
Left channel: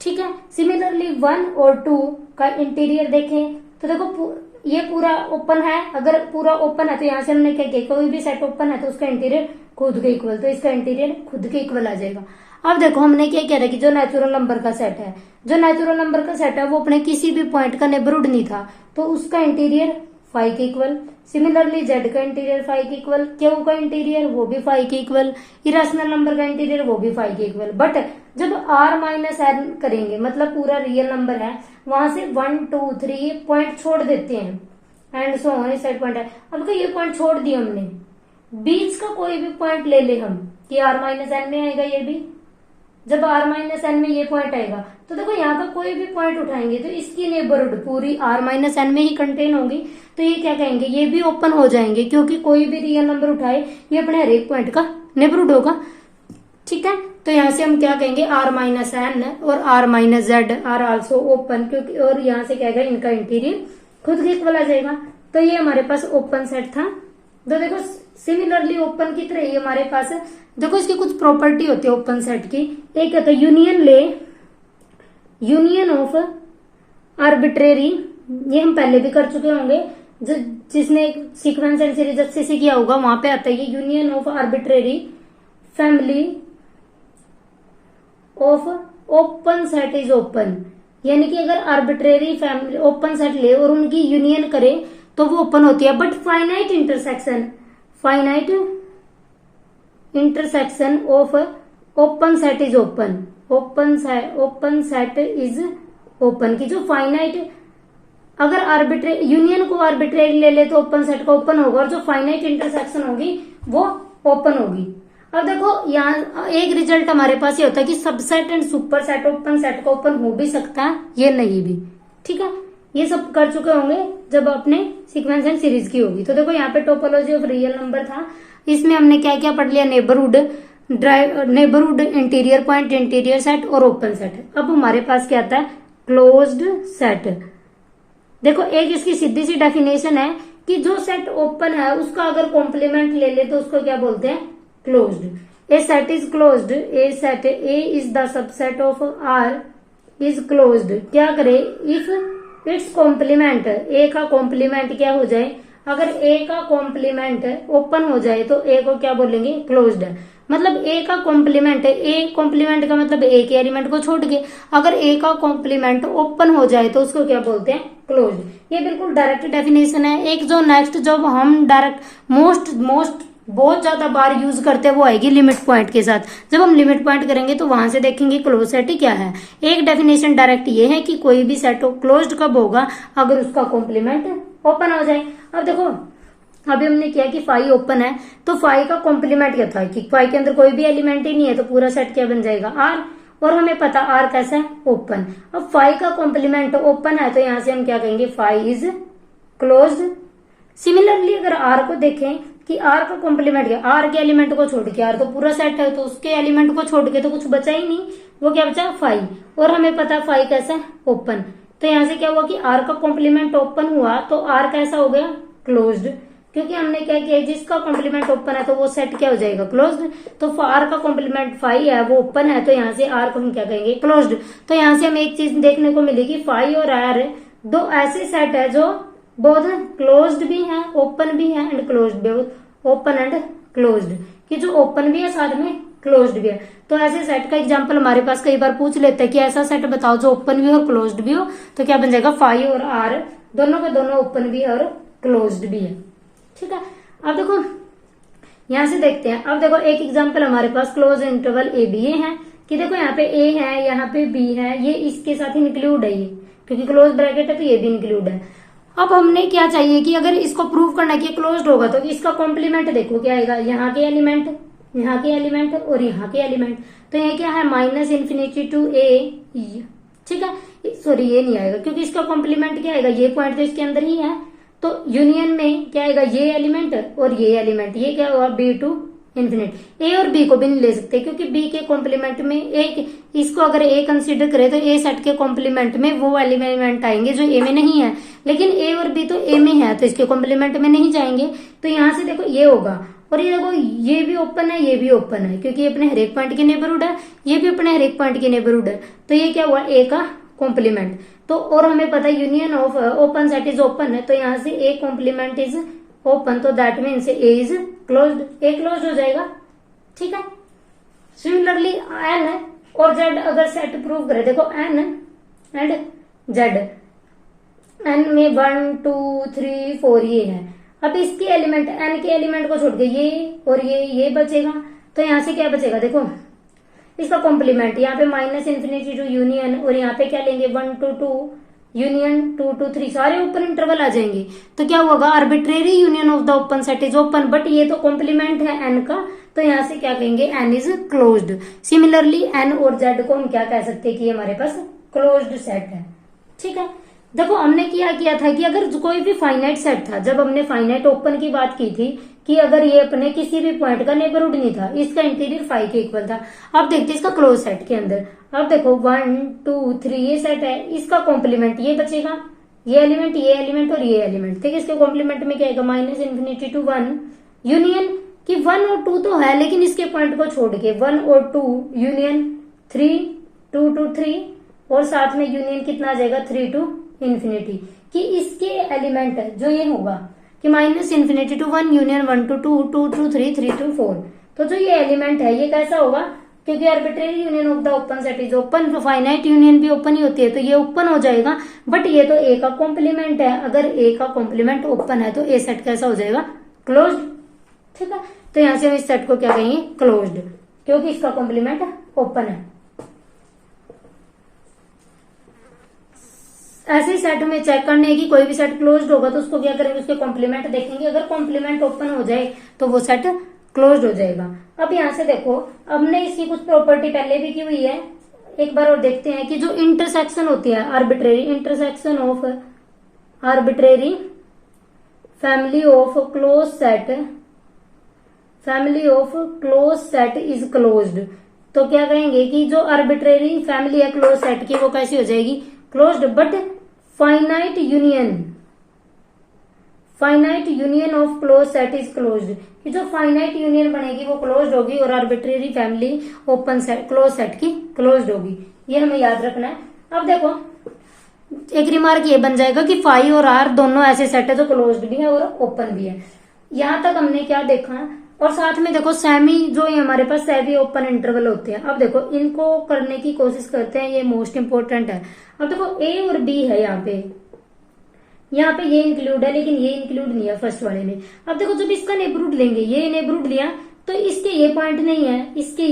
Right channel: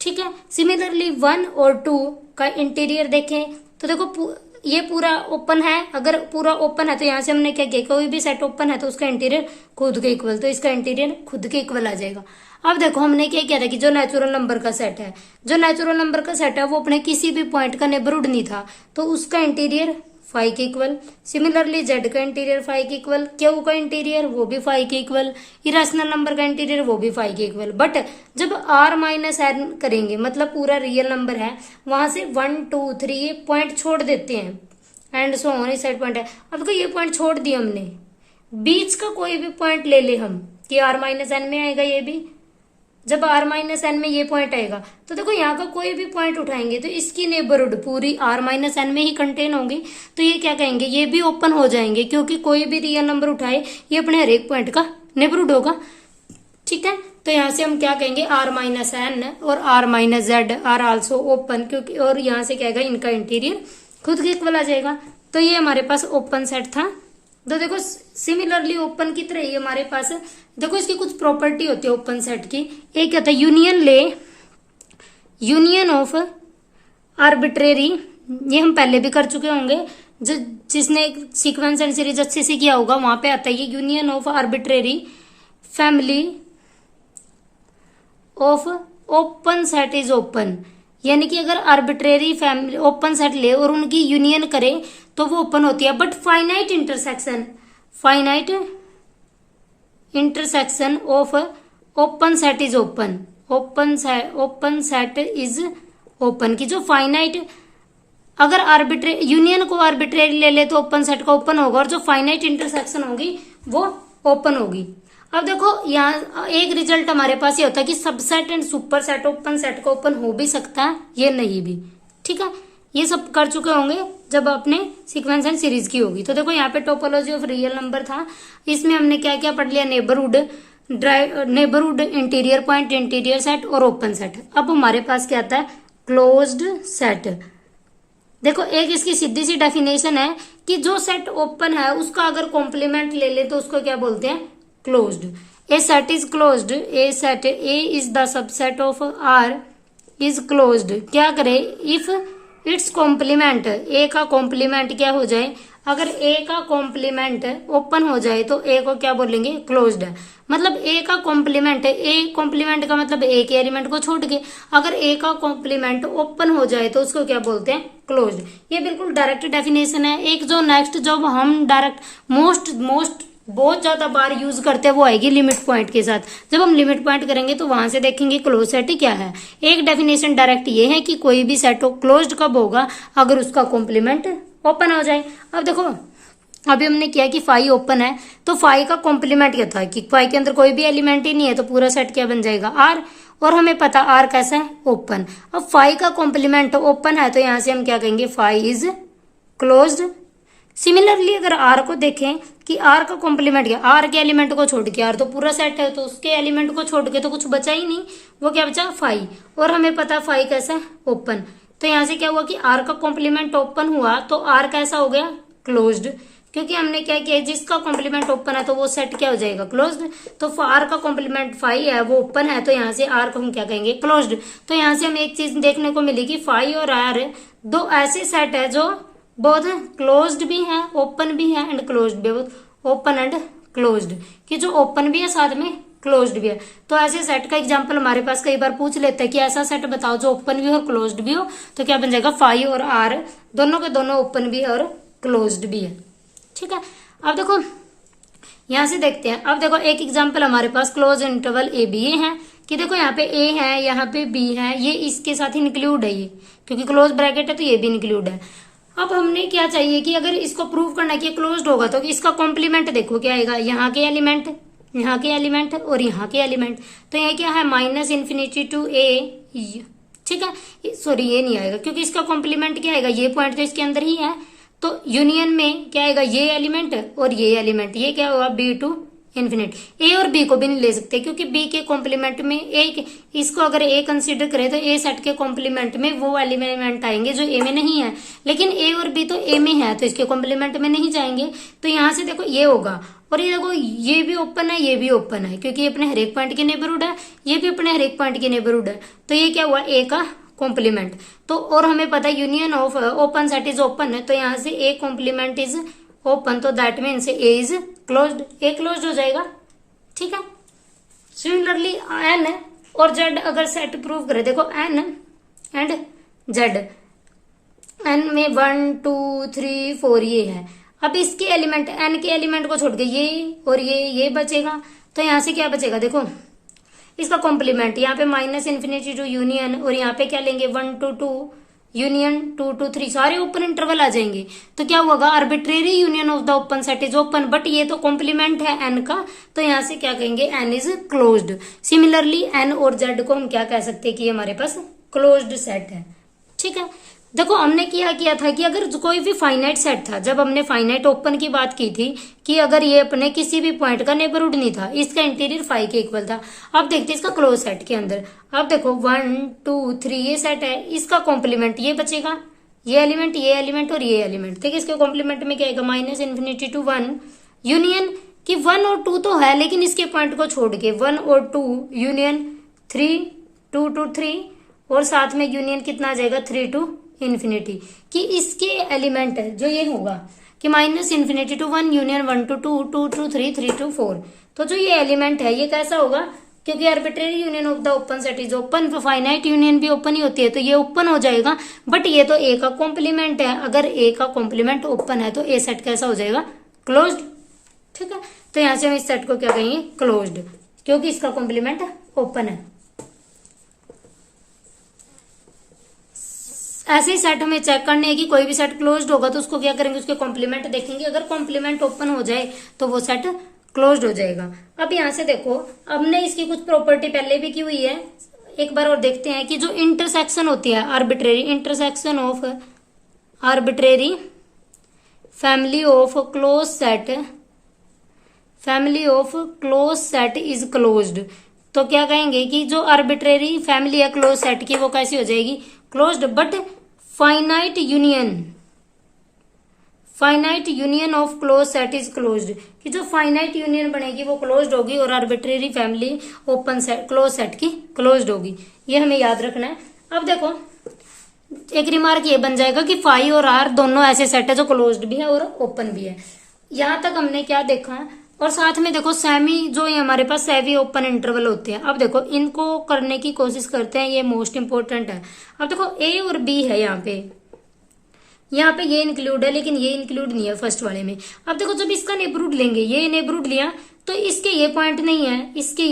ठीक है, सिमिलरली 1 और 2 का इंटीरियर देखें तो देखो ये पूरा ओपन है, अगर पूरा ओपन है तो यहाँ से हमने क्या किया, कोई भी सेट ओपन है तो उसका इंटीरियर खुद के इक्वल, तो इसका इंटीरियर खुद के इक्वल आ जाएगा। अब देखो हमने क्या किया था कि जो नेचुरल नंबर का सेट है, जो नेचुरल नंबर का सेट है वो अपने किसी भी पॉइंट का नेबरहुड नहीं था, तो उसका इंटीरियर फाई के इक्वल। सिमिलरली जेड का इंटीरियर फाई के इक्वल, क्यू का इंटीरियर वो भी फाई के इक्वल, इरेशनल नंबर का इंटीरियर वो भी फाई के इक्वल। बट जब आर माइनस एन करेंगे, मतलब पूरा रियल नंबर है, वहां से 1 2 3 पॉइंट छोड़ देते हैं एंड सो ऑन, इस साइड पॉइंट है। अब तो ये पॉइंट छोड़ दिए हमने, बीच का कोई भी पॉइंट ले ले हम कि आर माइनस एन में आएगा, ये भी जब आर माइनस एन में ये पॉइंट आएगा तो देखो यहाँ का कोई भी पॉइंट उठाएंगे तो इसकी नेबरहुड पूरी आर माइनस एन में ही कंटेन होंगी। तो ये क्या कहेंगे, ये भी ओपन हो जाएंगे, क्योंकि कोई भी रियल नंबर उठाए ये अपने हर एक पॉइंट का नेबरहुड होगा। ठीक है, तो यहाँ से हम क्या कहेंगे, आर माइनस एन और R minus Z are also open, क्योंकि और यहाँ से क्या आएगा, इनका इंटीरियर खुद के इक्वल आ जाएगा। तो ये हमारे पास ओपन सेट था। तो देखो सिमिलरली ओपन की तरह ही हमारे पास देखो इसकी कुछ प्रॉपर्टी होती है ओपन सेट की। एक क्या था, यूनियन ले, यूनियन ऑफ आर्बिट्रेरी, ये हम पहले भी कर चुके होंगे, जिसने सीक्वेंस एंड सीरीज अच्छे से किया होगा वहां पे आता है ये union of arbitrary family of open set is open, यानी कि अगर आर्बिट्रेरी फैमिली ओपन सेट ले और उनकी यूनियन करे तो वो ओपन होती है। But finite intersection of open set is open, open set is open की जो फाइनाइट, अगर यूनियन को आर्बिट्रेरी ले ले तो ओपन सेट का ओपन होगा, और जो फाइनाइट इंटरसेक्शन होगी वो ओपन होगी। अब देखो यहाँ एक रिजल्ट हमारे पास ये होता है कि subset and super set open set का ओपन हो भी सकता है, ये नहीं भी। ठीक है, ये सब कर चुके होंगे जब अपने सीक्वेंस एंड सीरीज की होगी। तो देखो यहाँ पे टोपोलॉजी ऑफ रियल नंबर था, इसमें हमने क्या क्या पढ़ लिया, neighbourhood, interior point, interior set और ओपन सेट। अब हमारे पास क्या आता है, क्लोज्ड सेट। देखो एक इसकी सीधी सी डेफिनेशन है कि जो सेट ओपन है उसका अगर कॉम्प्लीमेंट ले ले तो उसको क्या बोलते हैं, closed. A set is closed, a set A is the subset of R is closed, क्या करे इफ इट्स कॉम्प्लीमेंट, ए का कॉम्प्लीमेंट क्या हो जाए, अगर ए का कॉम्प्लीमेंट ओपन हो जाए तो ए को क्या बोलेंगे, क्लोज्ड है। मतलब ए का कॉम्प्लीमेंट, ए कॉम्प्लीमेंट का मतलब ए के एलिमेंट को छोड़ के, अगर ए का कॉम्प्लीमेंट ओपन हो जाए तो उसको क्या बोलते हैं, क्लोज्ड। ये बिल्कुल डायरेक्ट डेफिनेशन है। एक जो नेक्स्ट जब हम डायरेक्ट मोस्ट बहुत ज्यादा बार यूज करते हैं वो आएगी लिमिट पॉइंट के साथ। जब हम लिमिट पॉइंट करेंगे तो वहां से देखेंगे क्लोज सेट क्या है। एक डेफिनेशन डायरेक्ट ये है कि कोई भी सेट क्लोज्ड कब होगा, अगर उसका कॉम्प्लीमेंट ओपन हो जाए। अब देखो अभी हमने किया कि फाई ओपन है, तो फाई का कॉम्प्लीमेंट क्या था कि फाई के अंदर कोई भी एलिमेंट ही नहीं है, तो पूरा सेट क्या बन जाएगा, आर। और हमें पता आर कैसा है, ओपन। अब फाई का कॉम्प्लीमेंट ओपन है तो यहां से हम क्या कहेंगे, फाई इज क्लोज्ड। सिमिलरली अगर आर को देखें कि आर का कॉम्प्लीमेंट क्या, आर के एलिमेंट को छोड़ के, आर तो पूरा सेट है तो उसके एलिमेंट को छोड़ के तो कुछ बचा ही नहीं, वो क्या बचा, फाई। और हमें पता फाई कैसा, ओपन। तो यहां से क्या हुआ कि आर का कॉम्प्लीमेंट ओपन हुआ तो आर कैसा हो गया, क्लोज्ड, क्योंकि हमने क्या किया, जिसका कॉम्प्लीमेंट ओपन है तो वो सेट क्या हो जाएगा, क्लोज्ड। तो आर का कॉम्प्लीमेंट फाई है, वो ओपन है, तो यहाँ से आर को हम क्या कहेंगे, क्लोज्ड। तो यहाँ से हमें एक चीज देखने को मिलेगी, फाई और आर दो ऐसे सेट है जो बोथ क्लोज्ड भी है, ओपन भी है एंड क्लोज्ड भी, ओपन एंड क्लोज्ड, कि जो ओपन भी है साथ में क्लोज्ड भी है। तो ऐसे सेट का एग्जांपल हमारे पास कई बार पूछ लेते हैं कि ऐसा सेट बताओ जो ओपन भी हो क्लोज्ड भी हो, तो क्या बन जाएगा, फाई और आर दोनों के दोनों ओपन भी है और क्लोज्ड भी है। ठीक है, अब देखो यहां से देखते हैं। अब देखो एक एग्जांपल हमारे पास क्लोज इंटरवल ए बी है कि देखो यहाँ पे ए है, यहाँ पे बी है, ये इसके साथ ही इंक्लूड है, ये क्योंकि क्लोज ब्रैकेट है तो ये भी इंक्लूड है। अब हमने क्या चाहिए कि अगर इसको प्रूव करना कि क्लोज्ड होगा तो इसका कॉम्प्लीमेंट देखो क्या आएगा, यहाँ के एलिमेंट, यहाँ के एलिमेंट और यहाँ के एलिमेंट। तो ये क्या है, माइनस इन्फिनिटी टू ए, ठीक है, सॉरी ये नहीं आएगा क्योंकि इसका कॉम्प्लीमेंट क्या आएगा, ये पॉइंट तो इसके अंदर ही है, तो यूनियन में क्या आएगा, ये एलिमेंट और ये एलिमेंट, ये क्या होगा, बी टू इन्फिनिटी। ए और बी को भी नहीं ले सकते क्योंकि बी के कॉम्प्लीमेंट में एक, इसको अगर ए कंसीडर करें तो ए सेट के कॉम्प्लीमेंट में वो एलिमेंट आएंगे जो ए में नहीं है, लेकिन ए और बी तो ए में है तो इसके कॉम्प्लीमेंट में नहीं जाएंगे। तो यहां से देखो ये होगा, और ये देखो ये भी ओपन है, ये भी ओपन है क्योंकि अपने हर एक पॉइंट के नेबरहुड है, ये भी अपने हर एक पॉइंट के नेबरहुड है। तो ये क्या हुआ, ए का कॉम्प्लीमेंट। तो और हमें पता है union of open set is open है, तो यहाँ से ए कॉम्प्लीमेंट इज ओपन, तो that means A is closed, a closed हो जाएगा। ठीक है, सिमिलरली एन और जेड अगर सेट प्रूव करे, देखो एन एंड जेड, एन में 1 2 3 4 ये है। अब इसके एलिमेंट, एन के एलिमेंट को छोड़ के ये और ये बचेगा, तो यहां से क्या बचेगा, देखो इसका कॉम्प्लीमेंट, यहाँ पे माइनस इन्फिनिटी टू यूनियन, और यहाँ पे क्या लेंगे 1 2 2 यूनियन 2 2 3, सारे ओपन इंटरवल आ जाएंगे। तो क्या होगा, arbitrary union of the open set is open, but ये तो कॉम्प्लीमेंट है एन का, तो यहां से क्या कहेंगे, N is closed. Similarly N और जेड को हम क्या कह सकते हैं कि हमारे पास क्लोज्ड सेट है। ठीक है, देखो हमने किया था कि अगर कोई भी फाइनाइट सेट था, जब हमने फाइनाइट ओपन की बात की थी कि अगर ये अपने किसी भी पॉइंट का नेबरहुड नहीं था, इसका इंटीरियर फाई के इक्वल था। अब देखते हैं इसका क्लोज सेट के अंदर, अब देखो 1 2 3 ये सेट है, इसका कॉम्प्लीमेंट ये बचेगा, ये एलिमेंट और ये एलिमेंट, ठीक है। इसके कॉम्प्लीमेंट में क्या आएगा, माइनस इन्फिनिटी टू 1 यूनियन, कि 1 और 2 तो है लेकिन इसके पॉइंट को छोड़ के 1 और 2 यूनियन 3 2 2 3, और साथ में यूनियन कितना आ जाएगा 3 टू इन्फिनिटी, कि इसके एलिमेंट है जो ये होगा कि minus infinity to 1 union 1 to 2 2 to 3 3 to 4। तो जो ये एलिमेंट है ये कैसा होगा, क्योंकि arbitrary union of the open set is open, तो फाइनाइट यूनियन भी ओपन ही होती है, तो ये ओपन हो जाएगा। बट ये तो ए का कॉम्प्लीमेंट है, अगर ए का कॉम्प्लीमेंट ओपन है तो ए सेट कैसा हो जाएगा, क्लोज्ड। ठीक है, तो यहां से हम इस सेट को क्या कहेंगे, क्लोज्ड, क्योंकि इसका कॉम्प्लीमेंट ओपन है। ऐसे ही सेट में चेक करने है कि कोई भी सेट क्लोज्ड होगा तो उसको क्या करेंगे, उसके कॉम्प्लीमेंट देखेंगे, अगर कॉम्प्लीमेंट ओपन हो जाए तो वो सेट क्लोज्ड हो जाएगा। अब यहां से देखो, हमने इसकी कुछ प्रॉपर्टी पहले भी की हुई है, एक बार और देखते हैं कि जो इंटरसेक्शन होती है arbitrary, intersection of arbitrary family of close set, family of close set is closed. तो क्या कहेंगे कि जो आर्बिट्रेरी फैमिली है क्लोज सेट की वो कैसी हो जाएगी, closed. But finite union, finite union of close set is closed, कि जो फाइनाइट यूनियन बनेगी वो क्लोज्ड होगी और arbitrary family open set close set की क्लोज्ड होगी, ये हमें याद रखना है। अब देखो एक रिमार्क ये बन जाएगा कि फाई और आर दोनों ऐसे सेट है जो क्लोज्ड भी है और ओपन भी है। यहां तक हमने क्या देखा, और साथ में देखो सेमी जो ये हमारे पास सेमी ओपन इंटरवल होते हैं, अब देखो इनको करने की कोशिश करते हैं, ये मोस्ट इंपोर्टेंट है। अब देखो ए और बी है यहाँ पे ये इंक्लूड है लेकिन ये इंक्लूड नहीं है फर्स्ट वाले में। अब देखो जब इसका नेबरहुड लेंगे, ये नेबरहुड लिया तो इसके ये पॉइंट नहीं है, इसके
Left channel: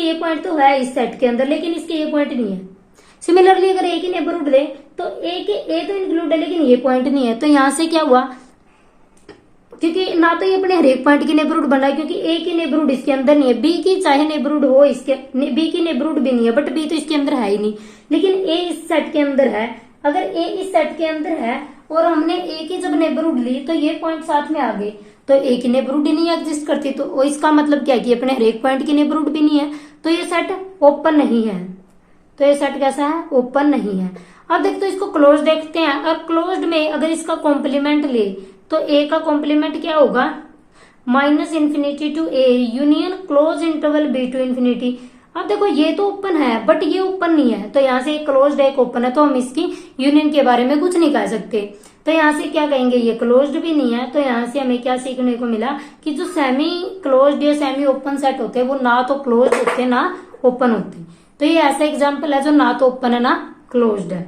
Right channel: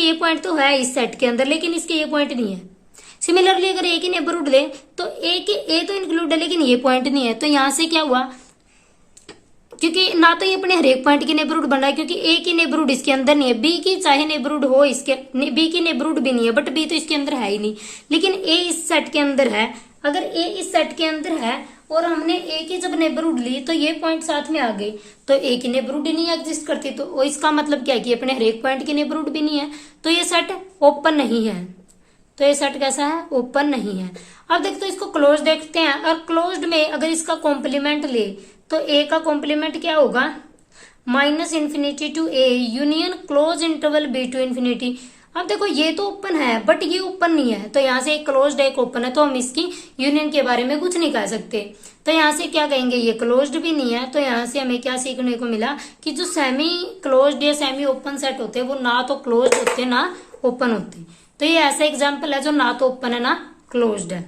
ये पॉइंट तो है इस सेट के अंदर लेकिन इसके ये पॉइंट नहीं है। सिमिलरली अगर ए की नेबरहुड ले तो ए तो इंक्लूड है लेकिन ये पॉइंट नहीं है, तो यहां से क्या हुआ, क्योंकि ना तो ये अपने हर एक पॉइंट की नेबरहुड बन रहा है क्योंकि ए की नेबरहुड इसके अंदर नहीं है, बी की चाहे नेबरहुड हो इसके, बी की नेबरहुड भी नहीं है बट बी तो इसके अंदर है ही नहीं, लेकिन ए इस सेट के अंदर है। अगर ए इस सेट के अंदर है और हमने ए की जब नेबरहुड ली तो ये पॉइंट साथ में आ गए, तो ए की नेबरहुड ही नहीं एग्जिस्ट करती, तो इसका मतलब क्या है कि अपने हर एक पॉइंट की नेबरहुड भी नहीं है, तो ये सेट ओपन नहीं है। तो ये सेट कैसा है, ओपन नहीं है। अब देखते हैं इसको क्लोज देखते हैं, और क्लोज्ड में अगर इसका कॉम्प्लीमेंट ले तो ए का कॉम्प्लीमेंट क्या होगा, -∞ to A union close interval B to infinity. अब देखो ये तो ओपन है बट ये ओपन नहीं है, तो यहाँ से एक क्लोज्ड एक ओपन है, तो हम इसकी यूनियन के बारे में कुछ नहीं कह सकते। तो यहाँ से क्या कहेंगे, ये क्लोज्ड भी नहीं है, तो यहाँ से हमें क्या सीखने को मिला कि जो सेमी क्लोज्ड या सेमी ओपन सेट होते हैं वो ना तो क्लोज्ड होते ना ओपन होते। तो ये ऐसा एग्जाम्पल है जो ना तो ओपन है ना क्लोज्ड है।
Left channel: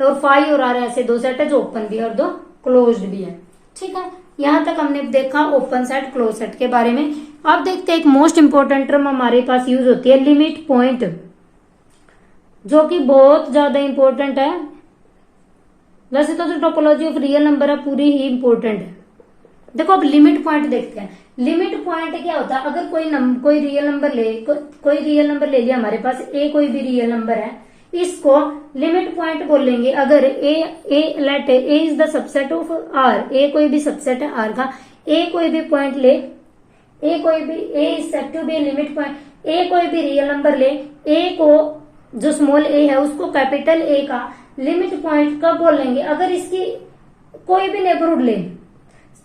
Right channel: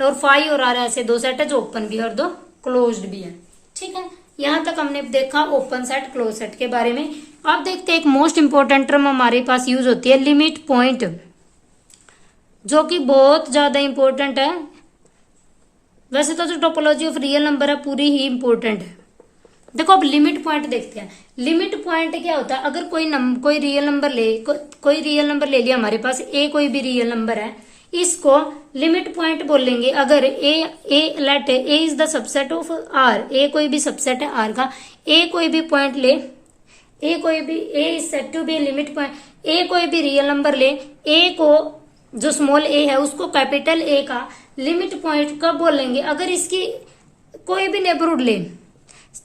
और फाई और आर ऐसे दो सेट है जो ओपन भी है और दो क्लोज्ड भी है। ठीक है, यहां तक हमने देखा ओपन सेट क्लोज सेट के बारे में। अब देखते हैं एक मोस्ट इंपोर्टेंट टर्म हमारे पास यूज होती है, लिमिट पॉइंट, जो कि बहुत ज्यादा इंपॉर्टेंट है। वैसे तो जो टोपोलॉजी ऑफ रियल नंबर है पूरी ही इंपॉर्टेंट है। देखो अब लिमिट पॉइंट देखते हैं। लिमिट पॉइंट क्या होता है, अगर कोई रियल नंबर ले लिया हमारे पास, ए कोई भी रियल नंबर है, इसको लिमिट पॉइंट बोलेंगे। अगर A is the subset of R, A कोई भी सबसेट है आर का, ए कोई भी पॉइंट ले, A is set to be limit point, A कोई भी रियल नंबर ले, ए को जो स्मॉल ए है उसको कैपिटल ए का लिमिट पॉइंट कब बोलेंगे, अगर इसकी कोई भी नेबरहुड ले,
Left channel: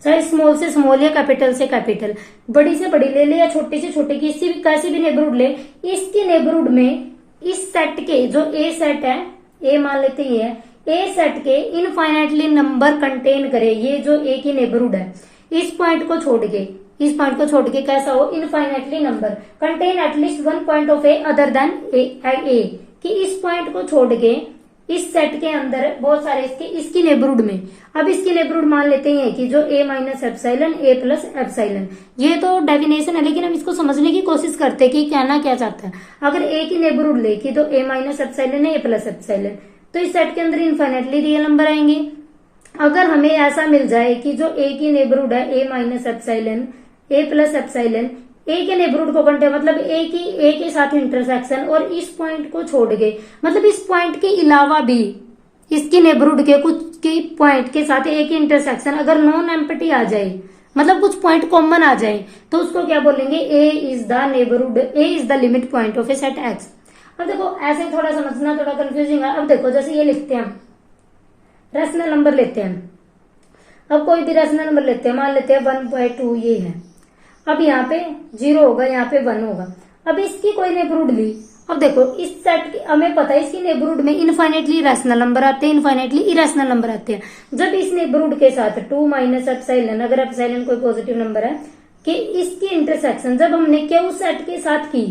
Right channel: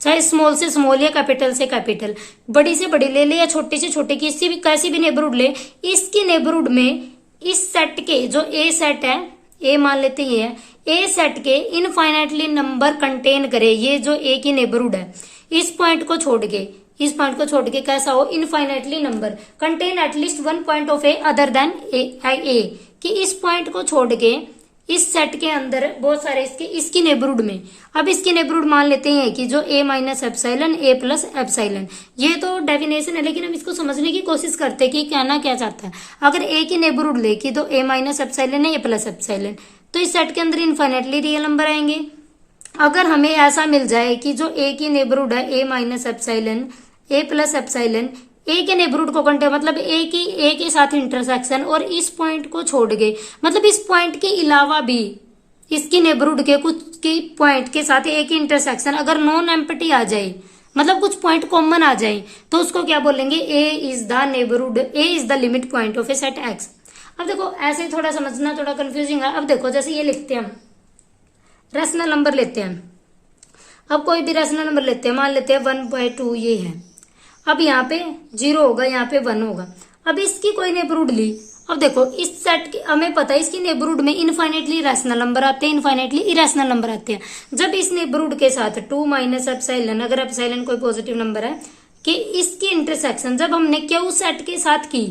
चाहे स्मॉल से स्मॉल या कैपिटल से कैपिटल, बड़ी से बड़ी ले या छोटी से छोटी, किसी भी कैसी भी नेबरहुड ले, इसकी नेबरहुड में इस सेट के जो ए सेट है, ए मान लेते ये है, ए सेट के इनफाइनाइटली नंबर कंटेन करे, ये जो ए की नेबरहुड है, इस पॉइंट को छोड़ के कैसा हो, infinitely number contain at least one point of A other than A, कि इस पॉइंट को छोड़ के इस सेट के अंदर बहुत सारे इसकी नेबरहुड में, अब इसकी नेबरहुड मान लेते हैं कि जो a minus epsilon A plus epsilon, ये तो डेफिनेशन है लेकिन हम इसको समझने की कोशिश करते हैं कि कहना क्या चाहता है। अगर a की नेबरहुड ले कि तो a माइनस एप्साइलन है ए प्लस एप्साइलन, तो इस सेट के अंदर इनफाइनाइटली रियल नंबर आएंगे। अगर हमें ऐसा मिल जाए कि जो a की नेबरहुड है a minus epsilon A plus epsilon, A के नेबरहुड को कंटेन मतलब ए के साथ इंटरसेक्शन और इस पॉइंट को छोड़ गए, मतलब इस पॉइंट के अलावा भी इसकी नेबरहुड के कुछ की पॉइंट के साथ ए की इंटरसेक्शन अगर नॉन एम्प्टी आ जाए, मतलब कुछ पॉइंट कॉमन आ जाए, तो उसको क्या बोलेंगे, A is the neighbourhood, A is the limit point of A set X. अब देखो ऐसे थोड़ा समझना थोड़ा कंफ्यूजिंग है। अब देखो जैसे ये लिखते हैं, रैशनल नंबर लेते हैं, अब कोई भी रैशनल नंबर लेते हैं, मान लेते हैं 1/2 ये है, अब यहाँ पे 0 होगा, यहाँ पे 1 होगा। अब इसकी कोई नेबरहुड ली, अब देखो इस सेट की हमें पता है इसकी नेबरहुड में इनफाइनाइटली रैशनल नंबर आते हैं, इनफाइनाइटली इरेशनल नंबर आते हैं। जब इस नेबरहुड के साथ 2 माइनस एप्सिलॉन, अगर एप्सिलॉन कोई पॉजिटिव नंबर है, कि इसकी इंटरसेक्शन जब हमने क्यू सेट के साथ की,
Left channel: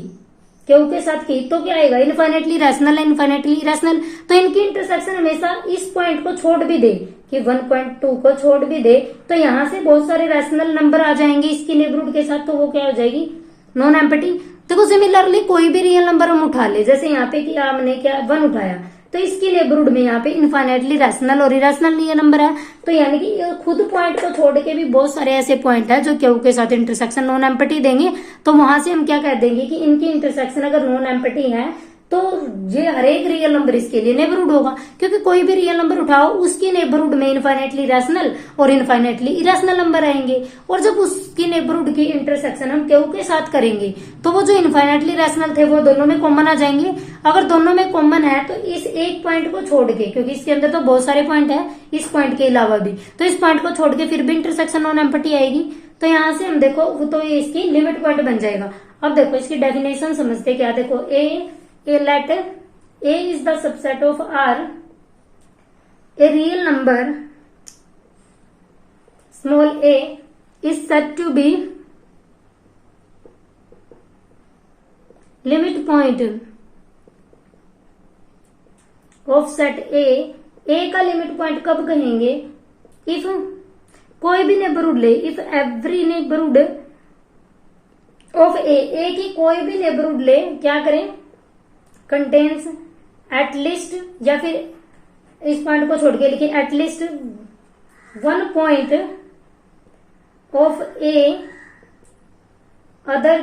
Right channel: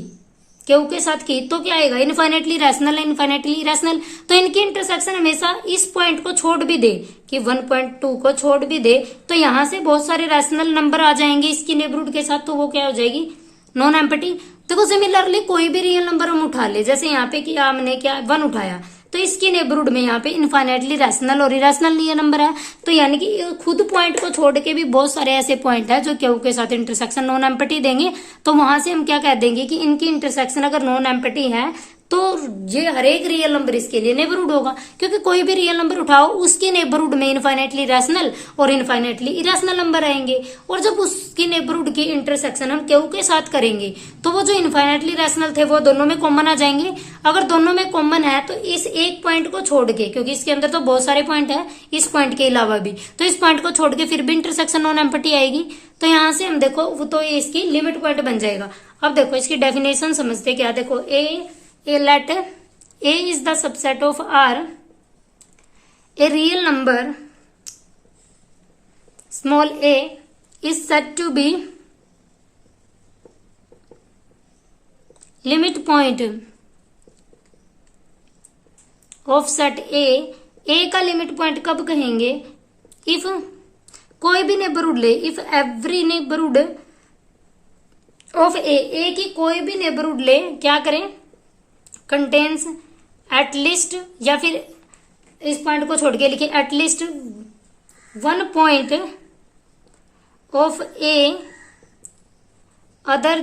क्यू के साथ की, तो क्या आएगा, इनफाइनाइटली रैशनल है, इनफाइनाइटली इरेशनल। तो इनकी इंटरसेक्शन हमेशा इस पॉइंट को छोड़ भी दे कि 1.2 को छोड़ भी दे, तो यहाँ से बहुत सारे रैशनल नंबर आ जाएंगे इसकी नेबरहुड के साथ, तो वो क्या हो जाएगी, नॉन एम्प्टी। देखो सिमिलरली कोई भी रियल नंबर हम उठा ले, जैसे यहाँ पे कि हमने क्या 1 उठाया, तो इसकी नेबरहुड में यहाँ पे इनफाइनाइटली रैशनल और इरेशनल ये नंबर है, तो यानी कि खुद पॉइंट को छोड़ के भी बहुत सारे ऐसे पॉइंट है जो क्यू के साथ इंटरसेक्शन नॉन एम्प्टी देंगे। तो वहां से हम क्या कह देंगे कि इनकी इंटरसेक्शन अगर नॉन एम्प्टी है तो ये हर एक रियल नंबर इसके लिए नेबरहुड होगा, क्योंकि कोई भी रियल नंबर उठाओ उसकी नेबरहुड में इनफाइनाइटली रैशनल और इनफाइनाइटली इरेशनल नंबर आएंगे, और जब उसकी नेबरहुड की इंटरसेक्शन हम क्यू के साथ करेंगे तो वो जो इनफाइनाइटली रैशनल थे वो दोनों में कॉमन आ जाएंगे। अगर दोनों में कॉमन है तो इस एक पॉइंट को छोड़ के, क्योंकि इसके अंदर तो बहुत सारे पॉइंट है इस पॉइंट के अलावा भी, तो इस पॉइंट को छोड़ के फिर भी इंटरसेक्शन नॉन एम्प्टी आएगी। तो यहां से हम देखो वो तो ये इसकी लिमिट पॉइंट बन जाएगा। अब देखो इसकी डेफिनेशन समझते क्या, देखो A let A is the subset of R, A real number small A is said to be limit point of set A का लिमिट पॉइंट कब कहेंगे, इफ कोई भी नेबरहुड ले, इफ एवरी नेबरहुड ऑफ ए की कोई भी नेबरहुड ले क्या करें, कंटेन्स एटलीस्ट, या फिर इस पॉइंट को छोड़ के लिखें at least one point of A other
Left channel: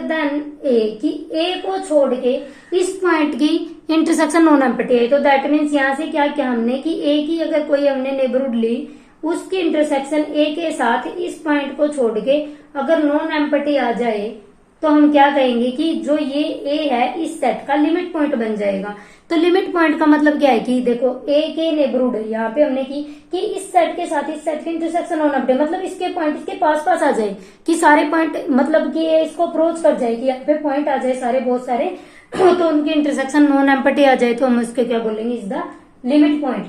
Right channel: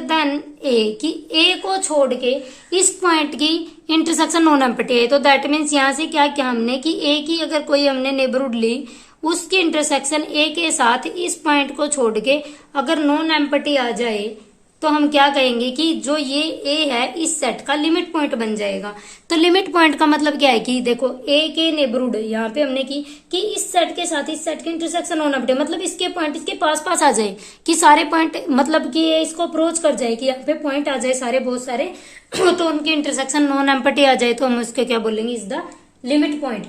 than A, कि ए को छोड़ के इस पॉइंट की इंटरसेक्शन नॉन एम्प्टी है। तो दैट मीन्स यहां से क्या क्या हमने कि ए की अगर कोई हमने नेबरहुड ली उसकी इंटरसेक्शन ए के साथ इस पॉइंट को छोड़ के अगर नॉन एम्प्टी आ जाए तो हम क्या कहेंगे कि जो ये ए है इस सेट का लिमिट पॉइंट बन जाएगा। तो लिमिट पॉइंट का मतलब क्या है कि देखो ए के नेबरहुड यहाँ पे हमने की कि इस सेट के साथ इस सेट की इंटरसेक्शन नॉन एम्प्टी, मतलब इसके पॉइंट इसके पास पास आ जाए, कि सारे पॉइंट मतलब कि ये इसको अप्रोच कर जाए, कि यहाँ पे पॉइंट आ जाए सारे बहुत सारे तो उनकी इंटरसेक्शन नॉन एम्प्टी आ जाए, तो हम उसके क्या बोलेंगे, इज द लिमिट पॉइंट।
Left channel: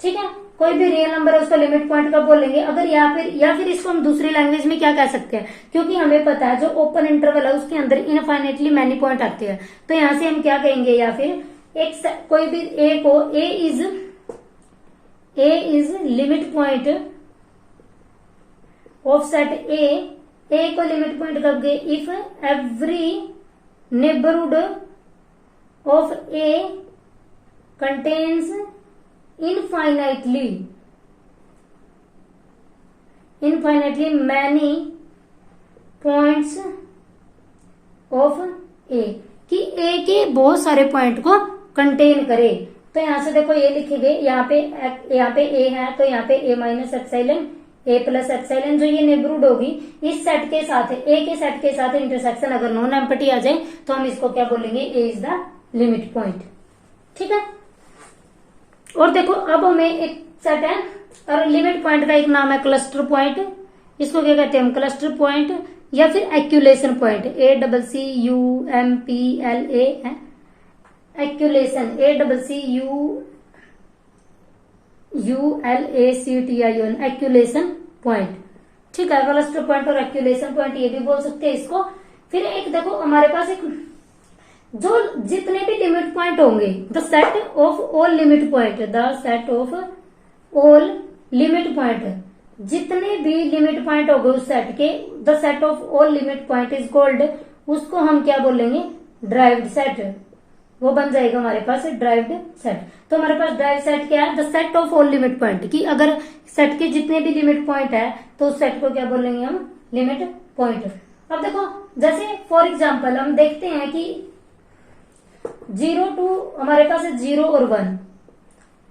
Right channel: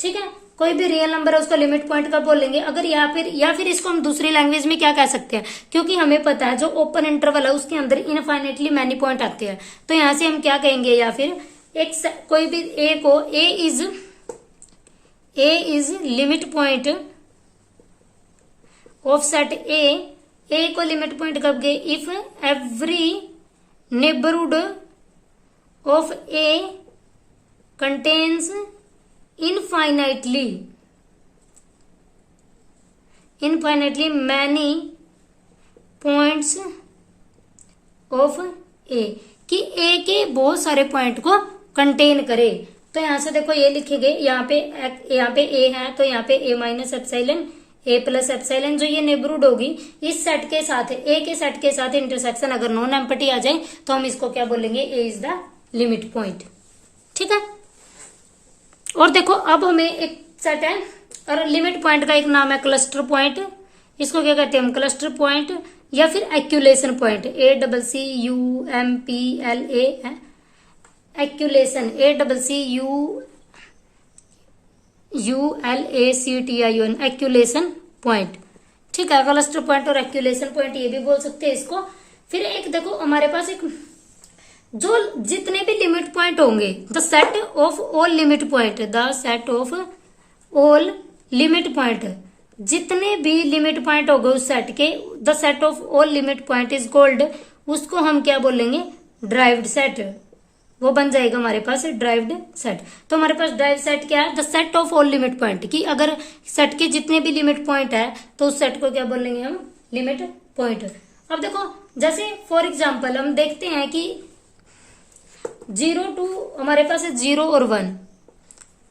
ठीक है, कोई भी रियल नंबर है उसका लिमिट पॉइंट कब बोलेंगे, अगर या फिर इसको हम दूसरी लैंग्वेज में क्या कह सकते हैं, क्योंकि हमें पता है जो ओपन इंटरवल है उसके अंदर इनफाइनेटली मैनी पॉइंट आते हैं, तो यहां से हम क्या कहेंगे, या फिर एक कोई भी ए को A is limit point of set A को लिमिट पॉइंट कब गए, if every neighbourhood of A contains infinitely many points of A, कि ए के बहुत सारे पॉइंट को कंटेन करे। तो यहां से देखो ये लिखेंगे, यहाँ पे ए है तो यहाँ पे ए माइनस एप्सिलॉन ए प्लस एप्सिलॉन, जो ये नेबरहुड होगी इस सेट के साथ ए के सेट के साथ इंटरसेक्शन अगर नॉन एम्प्टी आ जाए तो हम इसको क्या बोलेंगे, A is the limit point. ठीक है, और देखो अब हमें एक सेट है और लिमिट पॉइंट का एक नाम है क्लस्टर पॉइंट, इसको क्या कहते हैं हम, क्लस्टर पॉइंट या फिर एक्यूलेशन पॉइंट, ACCUMPLA है एक्यूलेशन, ACCULACTION एक्यूलेशन पॉइंट। ठीक है, क्लस्टर पॉइंट और एक्यूलेशन पॉइंट ये भी बोल सकते हैं इसको। फिर एक देखो हमारे पास एक जो जितने भी लिमिट पॉइंट होंगे, the set of all limit point, the set of all limit point, जितने भी लिमिट पॉइंट हो गए उस सेट के, the set of all limit point is called, उसको हम क्या बोलेंगे, ड्राइव्ड सेट, वो बन जाएगा हमारे पास ड्राइव्ड सेट। तो हमारे पास ड्राइव सेट क्या है, the set of all limit point, कि अगर सेट के जितने भी लिमिट पॉइंट है तो उस सेट को क्या बोलेंगे हम, लिमिट पॉइंट। अब देखो जैसे फॉर एग्जाम्पल हम देखते हैं कि 0 2 हमारे पास है 0 और 1,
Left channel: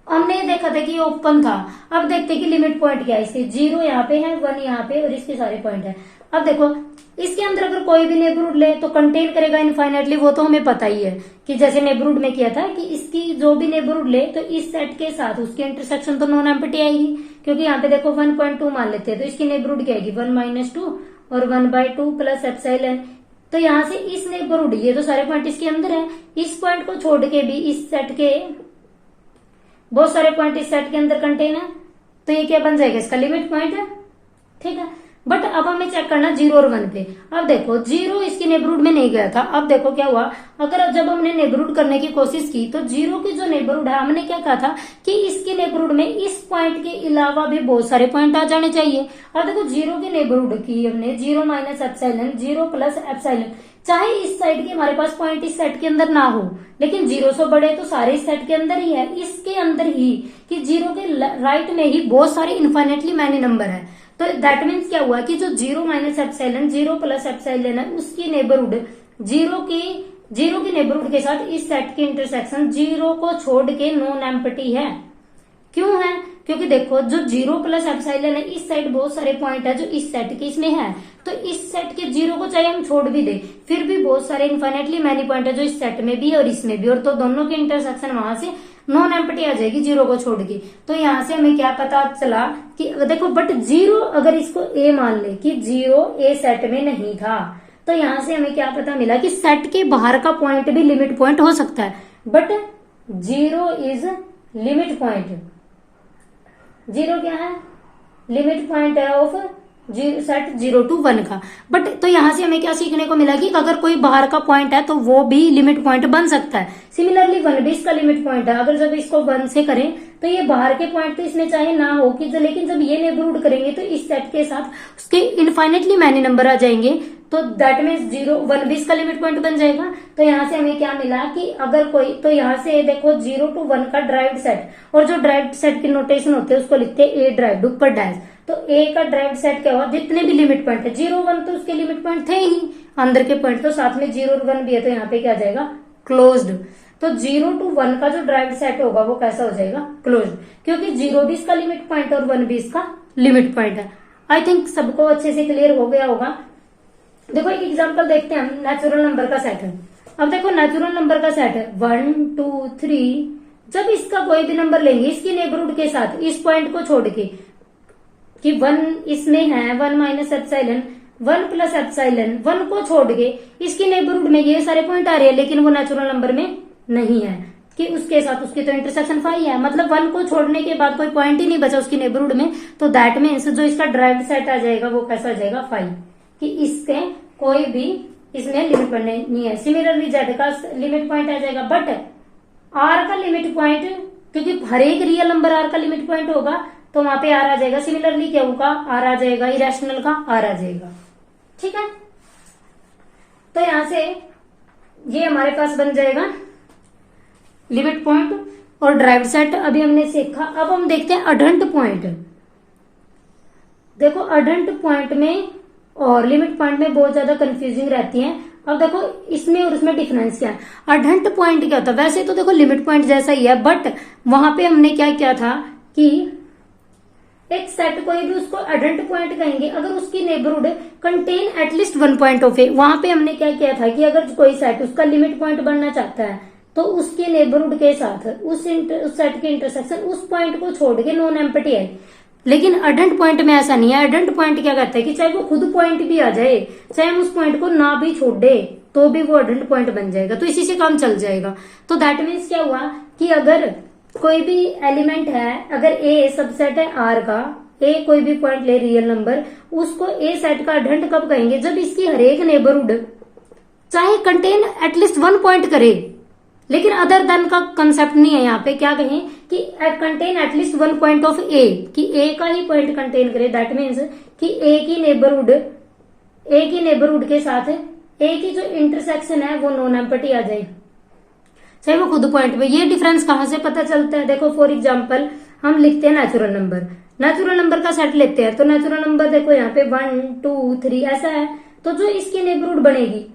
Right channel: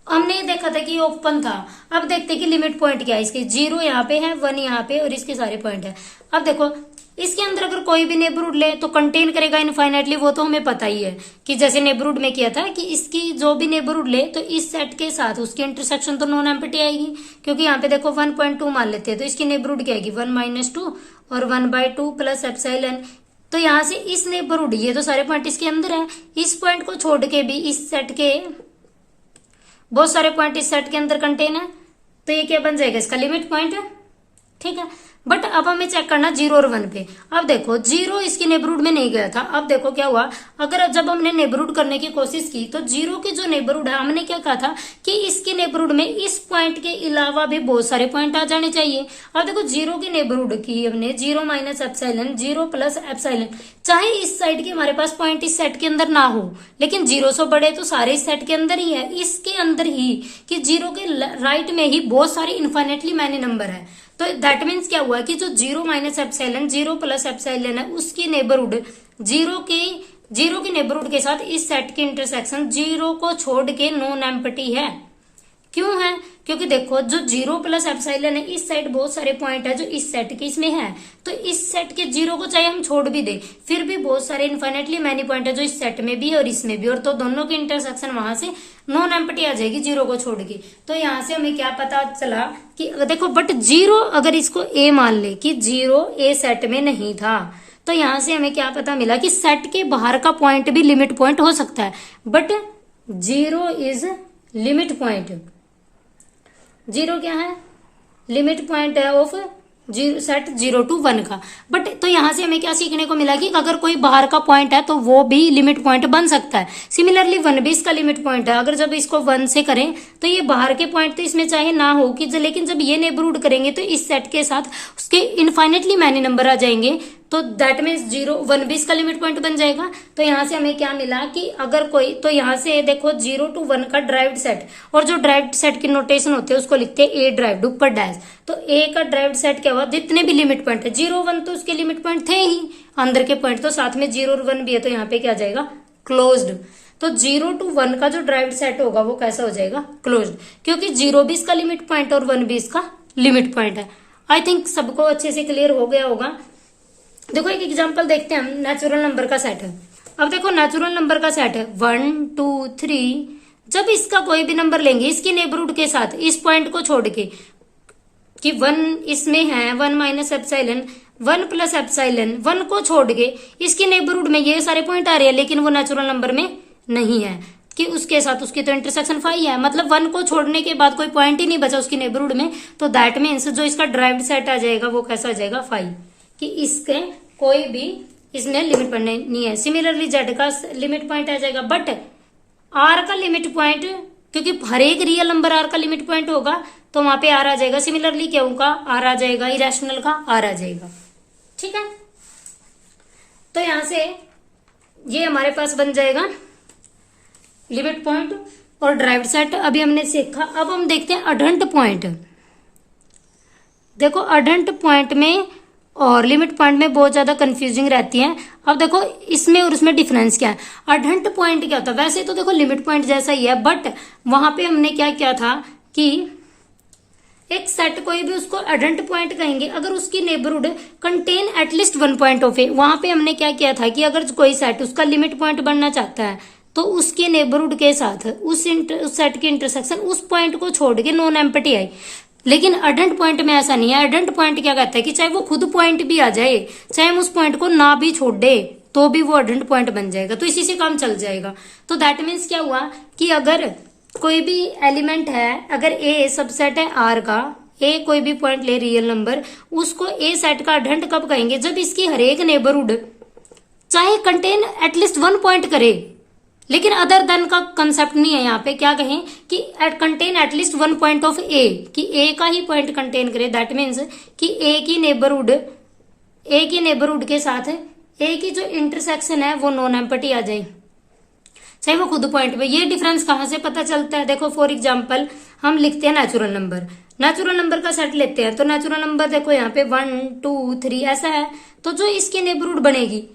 हमने देखा था कि ये ओपन था। अब देखते हैं कि लिमिट पॉइंट क्या है इसके, 0 यहाँ पे है, 1 यहाँ पे और इसके सारे पॉइंट है। अब देखो इसके अंदर अगर कोई भी नेबरहुड ले तो कंटेन करेगा इनफाइनाइटली, वो तो हमें पता ही है कि जैसे नेबरहुड में किया था कि इसकी जो भी नेबरहुड ले तो इस सेट के साथ उसकी इंटरसेक्शन तो नॉन एम्प्टी आएगी, क्योंकि यहाँ पे देखो 1.2 मान लेते हैं तो इसकी नेबरहुड क्या आएगी, 1 - 2 और 1/2 प्लस एप्सिलॉन। तो यहां से इस नेबरहुड, ये तो सारे पॉइंट इसके अंदर है, इस पॉइंट को छोड़ के भी इस सेट के बहुत सारे पॉइंट इस सेट के अंदर कंटेन है, तो ये क्या बन जाएगा, इसका लिमिट पॉइंट है। ठीक है, बट अब हमें चेक करना 0 और 1 पे। अब देखो 0 इसकी नेबरहुड में नहीं गया था, अब देखो क्या हुआ, अगर जब हमने नेबरहुड करने की कोशिश की तो 0 की जो नेबरहुड है, हमने क्या कहा था कि इसकी नेबरहुड में इस पॉइंट के अलावा भी बहुत सारे पॉइंट आ जाने चाहिए। और देखो 0 की नेबरहुड की हमने 0 माइनस एप्सिलॉन, 0 प्लस एप्सिलॉन, चाहे इस साइड के हमारे पास पॉइंट इस सेट के अंदर ना हो, लेकिन 0 से बड़े तो सारे इस सेट के अंदर ही है, इसके अंदर ही कि 0 के राइट में ही बहुत सारे इनफाइनेटली मैनी नंबर है। तो दैट मीन्स क्या हुआ कि जो 0 माइनस एप्सिलॉन, 0 प्लस एप्सिलॉन है, उसकी नेबरहुड 0 की जीरो की नेबरहुड के साथ इस सेट की इंटरसेक्शन जीरो को छोड़ के नॉन एम्प्टी है। क्यों है? क्योंकि देखो जो जीरो प्लस एप्सिलॉन है, इस साइड बहुत सारे पॉइंट है जो इस सेट के इसमें है, तो इस सेट के जीरो को चाहे हम छोड़ भी दे फिर भी बहुत सारे इनफाइनेटली मैनी पॉइंट है जो इस सेट में भी है और इसमें भी, और तो दोनों की इंटरसेक्शन वहां से नॉन एम्प्टी आ जाएगी जीरो को छोड़ के। तो यहाँ से हमें क्या पता चला कि देखो बट जीरो अगर इसको ए मान ले कि जीरो ए सेट में नहीं था, तो यहाँ से हमें क्या पता मिला कि सेट के बाहर का पॉइंट भी लिमिट पॉइंट हो सकता है, but zero is limit point. Zero क्या है? लिमिट पॉइंट है ऑफ सेट 0 to 1 का। बट तो यहां से हमें क्या सीखने को मिला कि अगर कोई बाहर का पॉइंट है तो वो भी लिमिट पॉइंट बन सकता है। सिमिलरली 1 भी इसका लिमिट पॉइंट है। अगर जब इसको 1 से करें तो ये बाहर के पॉइंट तो इसमें चाहे ना हो कि लेकिन जब ये नेबरहुड करेंगे तो इस सेट के साथ उसके इनफाइनेटली मैनी नंबर आ जाएंगे, तो दैट मीन्स 1 भी इसका लिमिट पॉइंट बन जाएगा। तो यहाँ से हमें क्या मिला कि अगर कोई, तो यहाँ से देखो 0 to 1 का ड्राइव्ड सेट, और जो ड्राइव्ड सेट की नोटेशन होती है उसको लिखते हैं ए ड्राइव्ड ऊपर डैश। तो ए का ड्राइव्ड सेट क्या हुआ? जितने भी लिमिट पॉइंट है, 0 1 तो उसके लिमिट पॉइंट थे ही अंदर के पॉइंट, तो साथ में 0 और 1 भी है, तो यहाँ पे क्या आ जाएगा? क्लोज्ड। तो 0 to 1 का जो ड्राइव्ड सेट होगा वो कैसा हो जाएगा? क्लोज्ड, क्योंकि 0 भी इसका लिमिट पॉइंट और 1 भी इसका लिमिट पॉइंट है। आई थिंक सबको अच्छे से क्लियर हो गया होगा। देखो एक एग्जांपल देखते हैं हम, नेचुरल नंबर का सेट है। अब देखो नेचुरल नंबर का सेट है 1 2 3, जब इसका कोई भी नंबर लेंगे इसकी नेबरहुड के साथ इस पॉइंट को छोड़ के कि 1 इसमें है 1 माइनस एप्सिलॉन 1 प्लस एप्सिलॉन 1 को छोड़ के इसकी नेबरहुड में ये सारे पॉइंट आ रहे हैं, लेकिन वो नेचुरल नंबर में नहीं है कि उसके साथ उसकी तो इंटरसेक्शन 5 है, मतलब 1 को छोड़ने के बाद कोई पॉइंट ही नहीं बचा उसकी नेबरहुड में, तो दैट मीन्स जो इसका ड्राइव्ड सेट आ जाएगा वो कैसा आ जाएगा? 5, कि इसके कोई भी इसमें लिमिट पॉइंट नहीं है। सिमिलरली जेड का लिमिट पॉइंट आ जाएगा, बट आर का लिमिट पॉइंट, क्योंकि हर एक रियल नंबर आर का लिमिट पॉइंट होगा तो वहां पे आर आ जाएगा। सिमिलरली क्यों का आर आ जाएगा, इरेशनल का आर आ जाएगा। ठीक है, तो यहां से ये हमारे पास बन जाएगा लिमिट पॉइंट और ड्राइव्ड सेट। अभी हमने सीखा, अब हम देखते हैं अडंट पॉइंट। देखो अडंट पॉइंट में और लिमिट पॉइंट में बहुत ज्यादा कंफ्यूजिंग रहती है। अब देखो इसमें और उसमें डिफरेंस क्या है। अडंट पॉइंट क्या होता है? वैसे तो देखो लिमिट पॉइंट जैसा ही है, बट वहां पे हमने क्या किया था कि एक सेट कोई भी उसको अडंट पॉइंट कहेंगे अगर उसकी neighbourhood contain at least 1 point of A. वहां पे हमने क्या किया था कि अगर कोई सेट उसका लिमिट पॉइंट बनना चाहता है तो उसकी नेबरहुड के साथ उस सेट की इंटरसेक्शन उस पॉइंट को छोड़ के नॉन एम्प्टी आई। लेकिन अडंट पॉइंट में ऐसा नहीं है। अडंट पॉइंट क्या कहता है कि चाहे वो खुद पॉइंट भी आ जाए, चाहे हम उस पॉइंट को ना भी छोड़ दे तो भी वो अडंट पॉइंट बन जाएगा, तो इसी से काम चल जाएगा। तो दैट मीन्स क्या हुआ कि अगर कोई भी एलिमेंट है, अगर ए सबसेट है आर का, ए कोई भी पॉइंट ले रियल नंबर, उसको ए सेट का अडंट कब कहेंगे? जब इसकी हरेक नेबरहुड चाहे कंटेन एटलीस्ट 1 पॉइंट करे, लेकिन अदर देन का कंसेप्ट नहीं है यहाँ पे। क्या कहें कि contain at least 1 point of A, कि ए का ही पॉइंट कंटेन करे। दैट मीन्स कि ए की नेबरहुड के साथ ए की जो इंटरसेक्शन है वो नॉन एम्प्टी आ जाए, चाहे वो खुद पॉइंट पे। ये डिफरेंस कहां से पता चलता है? देखो फॉर एग्जाम्पल हम लिखते हैं नेचुरल नंबर, नेचुरल नंबर का सेट लेते हैं, तो नेचुरल नंबर देखो यहाँ पे 1 2 3 ऐसा है, तो जो इसकी नेबरहुड बनेगी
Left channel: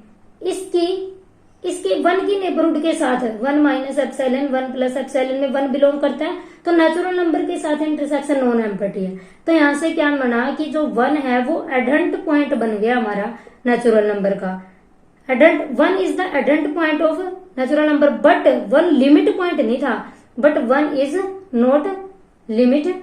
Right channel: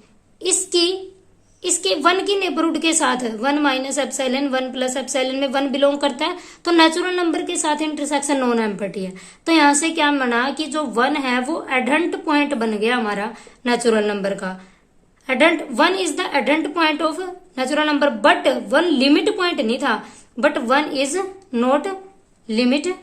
इसके 1 की नेबरहुड के साथ 1 माइनस एप्सिलॉन 1 प्लस एप्सिलॉन में 1 बिलोंग करता है, तो नेचुरल नंबर के साथ इंटरसेक्शन नॉन एम्प्टी है। तो यहाँ से क्या बना कि जो 1 है वो एडंट पॉइंट बन गया हमारा नेचुरल नंबर का। Adherent 1 is the adherent point of natural number, but 1 limit point नहीं था, but 1 is not limit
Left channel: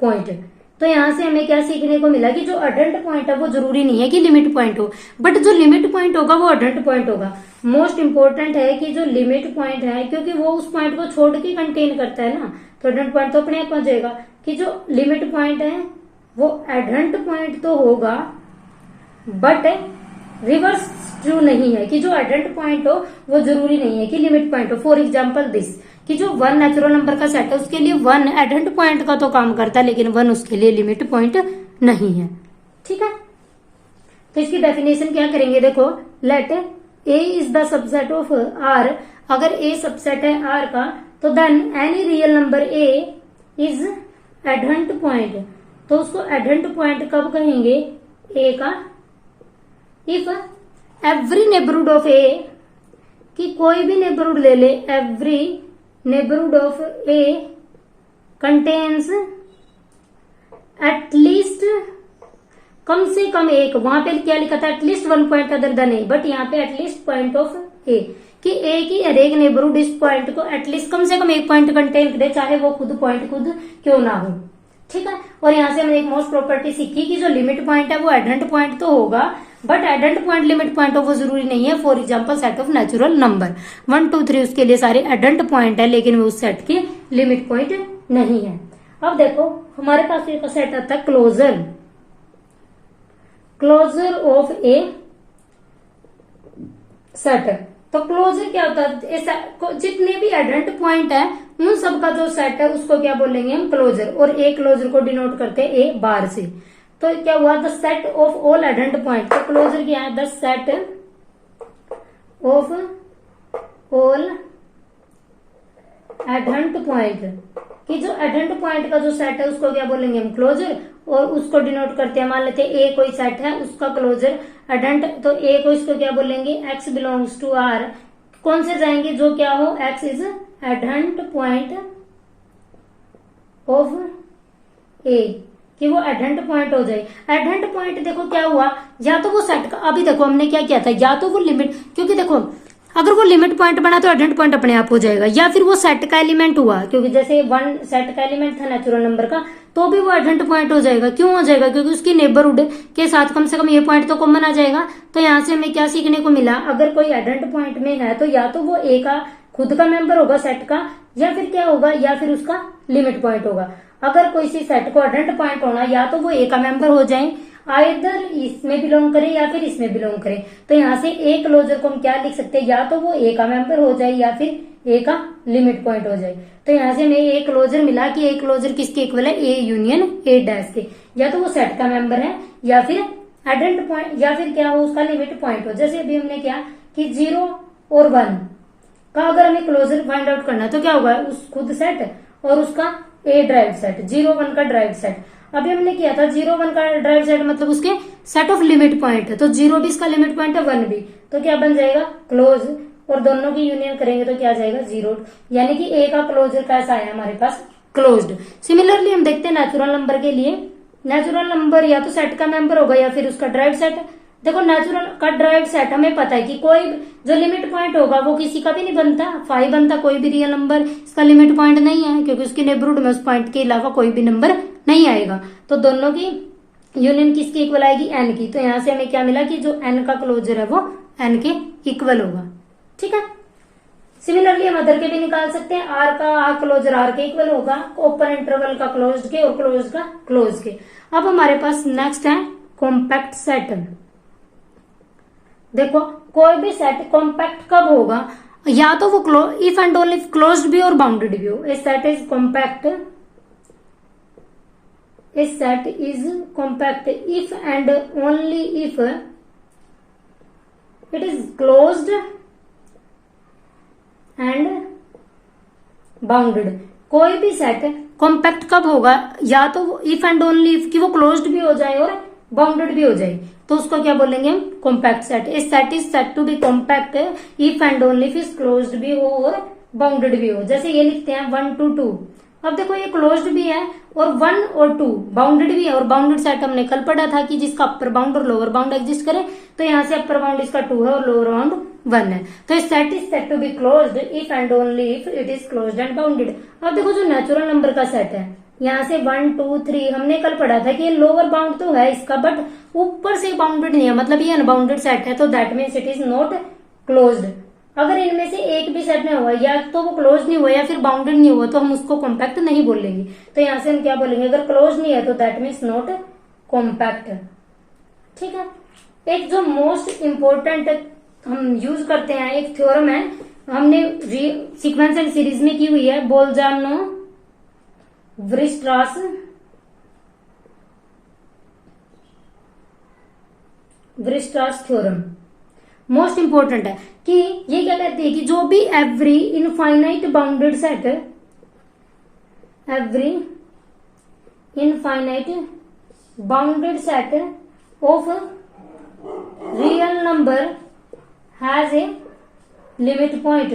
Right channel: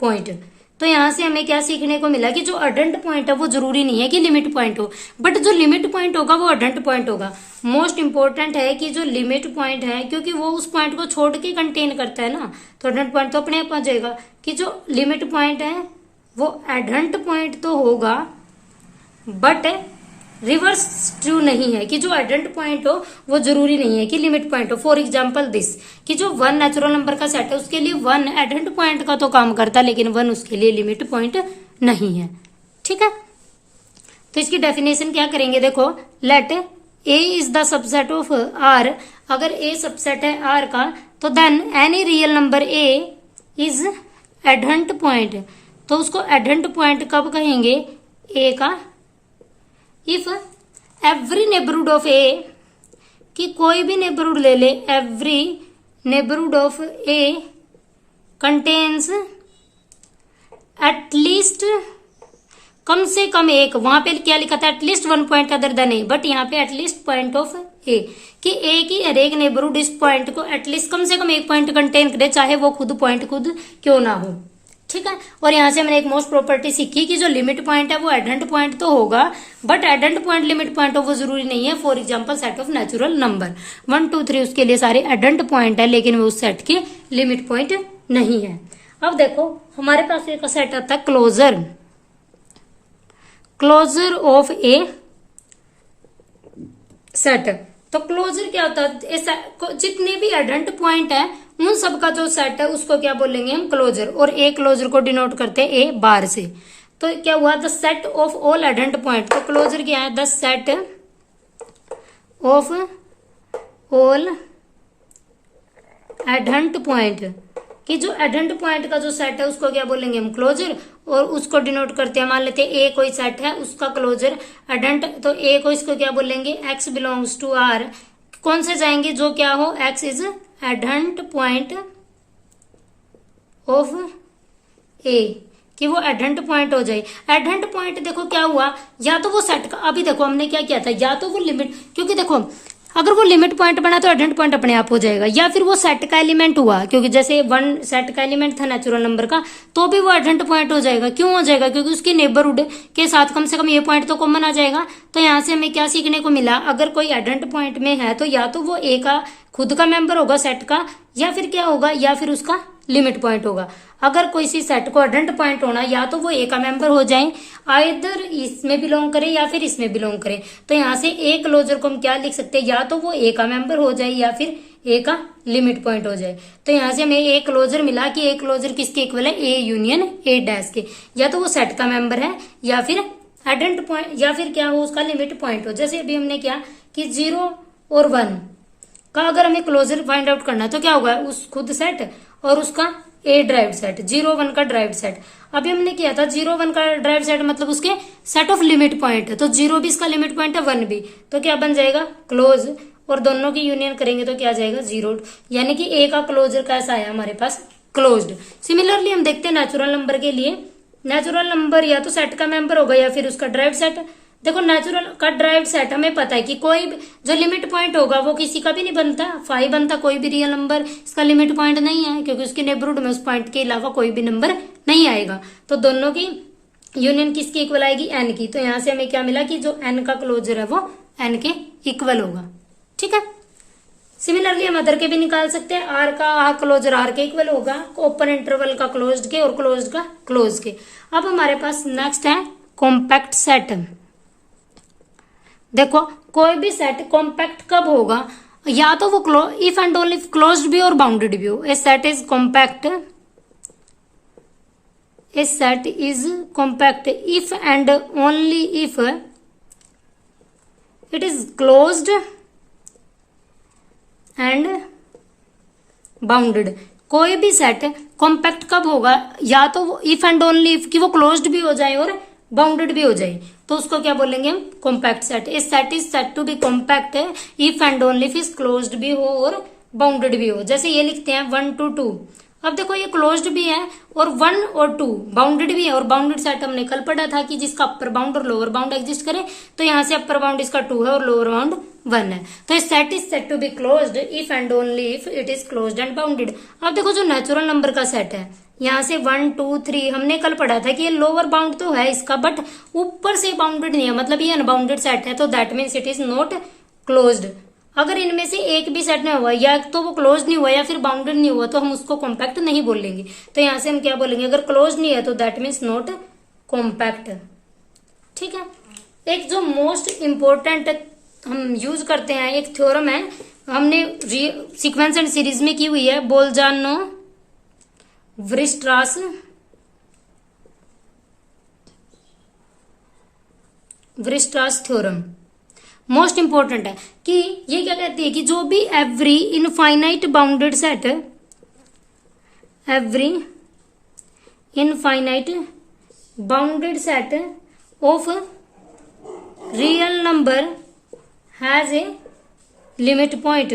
point. तो यहाँ से हमें क्या सीखने को मिला कि जो अडंट पॉइंट है वो जरूरी नहीं है कि लिमिट पॉइंट हो, बट जो लिमिट पॉइंट होगा वो अडंट पॉइंट होगा। मोस्ट इंपॉर्टेंट है कि जो लिमिट पॉइंट है, क्योंकि वो उस पॉइंट को छोड़ के कंटेन करता है ना, तो अडंट पॉइंट तो अपने आप आ जाएगा। कि जो लिमिट पॉइंट है वो अडंट पॉइंट तो होगा, बट रिवर्स ट्रू नहीं है कि जो एडंट पॉइंट हो वो जरूरी नहीं है कि लिमिट पॉइंट हो। फॉर एग्जाम्पल दिस, कि जो 1 नेचुरल नंबर का सेट है उसके लिए 1 एडंट पॉइंट का तो काम करता है, लेकिन 1 उसके लिए लिमिट पॉइंट नहीं है। ठीक है, तो इसकी डेफिनेशन क्या करेंगे? देखो, let A is the subset of R. अगर ए सबसेट है आर का, तो then any real number A is adherent point. तो उसको एडंट पॉइंट कब कहेंगे? ए का if every neighbourhood of A कि कोई भी नेबरहुड ले ले, every neighbourhood of A contains at least, कम से कम एक, वहां पे क्या लिखा था at least one point other than A, but यहाँ पे एटलीस्ट पॉइंट ऑफ ए, कि ए की हर एक नेबरहुड इस पॉइंट को एटलीस्ट कम से कम एक पॉइंट कंटेन करे, चाहे वो खुद पॉइंट खुद क्यों ना हो। ठीक है, और यहाँ से मैंने एक मोस्ट प्रॉपर्टी सीखी कि जो लिमिट पॉइंट है वो एडेंट पॉइंट तो होगा, बट एडेंट पॉइंट लिमिट पॉइंट हो वो जरूरी नहीं है। For example set of natural number 1 2 3 उसके लिए सारे एडेंट पॉइंट है, लेकिन वो उस सेट के लिमिट पॉइंट नहीं है। अब देखो हमारे पास एक सेट आता है closure, closure of A set. तो क्लोजर क्या होता है, जितने भी एडेंट पॉइंट है उन सबका जो सेट है उसको क्या बोलेंगे हम क्लोजर, और ए क्लोजर को डिनोट करते हैं ए बार से। तो क्या हुआ, the set of all adherent point. तो क्लोजर क्या है, the set of all adherent point, कि जो एडेंट पॉइंट का जो सेट है उसको क्या बोलेंगे हम क्लोजर, और उसको डिनोट करते हैं, मान लेते हैं ए कोई सेट है उसका क्लोजर एडेंट, तो ए को इसको क्या बोलेंगे एक्स बिलोंग्स टू आर, कौन से जाएंगे जो क्या हो, X is एडेंट point of A, कि वो एडेंट पॉइंट हो जाए। एडेंट पॉइंट देखो क्या हुआ, या तो वो सेट का, अभी देखो हमने क्या किया था, या तो वो लिमिट, क्योंकि देखो अगर वो लिमिट पॉइंट बना तो एडेंट पॉइंट अपने आप हो जाएगा, या फिर वो सेट का एलिमेंट हुआ, क्योंकि जैसे 1 सेट का एलिमेंट था नेचुरल नंबर का, तो भी वो एडेंट पॉइंट हो जाएगा। क्यों हो जाएगा, क्योंकि उसकी नेबरहुड के साथ कम से कम ये पॉइंट तो कॉमन आ जाएगा। तो यहाँ से हमें क्या सीखने को मिला, अगर कोई एडेंट पॉइंट में है तो या तो वो ए का खुद का मेंबर होगा सेट का, या फिर क्या होगा, या फिर उसका लिमिट पॉइंट होगा। अगर कोई सी सेट को एडेंट पॉइंट होना, या तो वो ए का मेंबर हो जाए, आइदर इसमें बिलोंग करे या फिर इसमें बिलोंग करे। तो यहाँ से ए क्लोजर को हम क्या लिख सकते हैं, या तो वो ए का मेंबर हो जाए या फिर ए का लिमिट पॉइंट हो जाए। तो यहाँ से हमें ए क्लोजर मिला कि ए क्लोजर किसके इक्वल है, ए यूनियन ए डैश के, या तो वो सेट का मेंबर है या फिर एडेंट पॉइंट, या फिर क्या हो उसका लिमिट पॉइंट हो। जैसे अभी हमने क्या कि 0 और 1 का अगर हमें क्लोजर फाइंड आउट करना है तो क्या होगा, उस खुद सेट और उसका ए ड्राइव सेट, 0 1 का ड्राइव सेट। अभी हमने किया था 0 1 का ड्राइव सेट मतलब उसके सेट ऑफ लिमिट पॉइंट है, तो 0 भी इसका लिमिट पॉइंट है, 1 भी, तो क्या बन जाएगा क्लोज, और दोनों की यूनियन करेंगे तो क्या आ जाएगा 0, यानी कि ए का क्लोजर कैसा आया हमारे पास क्लोज्ड। सिमिलरली हम देखते हैं नेचुरल नंबर के लिए, नेचुरल नंबर या तो सेट का मेंबर होगा या फिर उसका ड्राइव सेट। देखो नेचुरल का ड्राइव सेट हमें पता है कि कोई जो लिमिट पॉइंट होगा वो किसी का भी नहीं बनता, 5 बनता, कोई भी रियल नंबर इसका लिमिट पॉइंट नहीं है, क्योंकि उसकी नेबरहुड में उस पॉइंट के अलावा कोई भी नंबर नहीं आएगा। तो दोनों की यूनियन किसकी इक्वल आएगी, एन की। तो यहाँ से हमें क्या मिला कि जो एन का क्लोजर है वो एन के इक्वल होगा। ठीक है, सिमिलरली हम अदर के भी निकाल सकते हैं, आर का क्लोजर आर के इक्वल होगा, ओपन इंटरवल का क्लोज्ड के और क्लोज्ड का क्लोज के। अब हमारे पास नेक्स्ट है कॉम्पैक्ट सेट। देखो कोई भी सेट कॉम्पैक्ट कब होगा, या तो वो इफ एंड ओनली क्लोज्ड भी और बाउंडेड भी हो। A set is compact, a set is compact if and only if it is closed and bounded. कोई भी सेट कॉम्पैक्ट कब होगा, या तो इफ एंड ओनली इफ कि वो क्लोज्ड भी हो जाए और बाउंडेड भी हो जाए, तो उसको क्या बोलेंगे हम कॉम्पैक्ट सेट। इस set is set to be compact if and only if is closed भी हो और बाउंडेड भी हो। जैसे ये लिखते हैं 1 2 2, अब देखो ये क्लोज्ड भी है और 1 और 2 बाउंडेड भी है, और बाउंडेड सेट हमने कल पढ़ा था कि जिसका अपर बाउंड और लोअर बाउंड एग्जिस्ट करे, तो यहाँ से अपर बाउंड इसका 2 है और लोअर बाउंड 1 है। तो इस set is set to be closed if and only if it is closed and bounded. अब देखो जो नेचुरल नंबर का सेट है, यहाँ से 1 2 3 हमने कल पढ़ा था कि ये लोअर बाउंड तो है इसका, बट ऊपर से बाउंडेड नहीं है, मतलब ये अनबाउंडेड सेट है, तो that means it is not closed. अगर इनमें से एक भी सेट में हुआ, या तो वो क्लोज नहीं हुआ या फिर बाउंडेड नहीं हुआ, तो हम उसको कॉम्पैक्ट नहीं बोलेंगे। तो यहाँ से हम क्या बोलेंगे, अगर क्लोज नहीं है तो दैट मीन्स नॉट कॉम्पैक्ट। ठीक है, एक जो मोस्ट इंपॉर्टेंट हम यूज करते हैं एक थ्योरम है, हमने सीक्वेंस एंड सीरीज में की हुई है, बोल्जानो वृष्ट्रास थ्योरम। मोस्ट इंपॉर्टेंट है कि ये क्या कहती है कि जो भी every infinite bounded set, every infinite bounded set of real number has a limit point.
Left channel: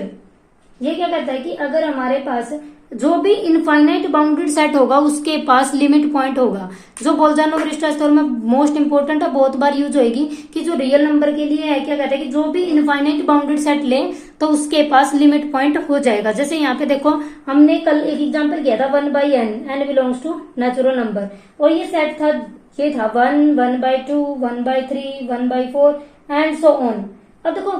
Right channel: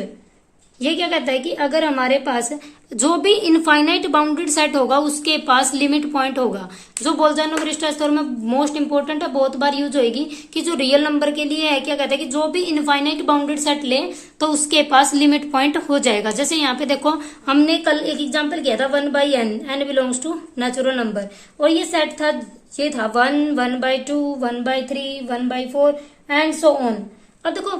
ये क्या कहता है कि अगर हमारे पास जो भी इनफाइनाइट बाउंडेड सेट होगा उसके पास लिमिट पॉइंट होगा। जो बोल्जानो-बरिस्टा थ्योरम में मोस्ट इंपोर्टेंट है, बहुत बार यूज होगी कि जो रियल नंबर के लिए है क्या कहता है कि जो भी इनफाइनाइट बाउंडेड सेट ले तो उसके पास लिमिट पॉइंट हो जाएगा। जैसे यहाँ पे देखो हमने कल एक एग्जांपल किया था 1/n, n belongs to natural number, और ये सेट था, ये था 1, 1/2, 1/3, 1/4 एंड सो ऑन। अब देखो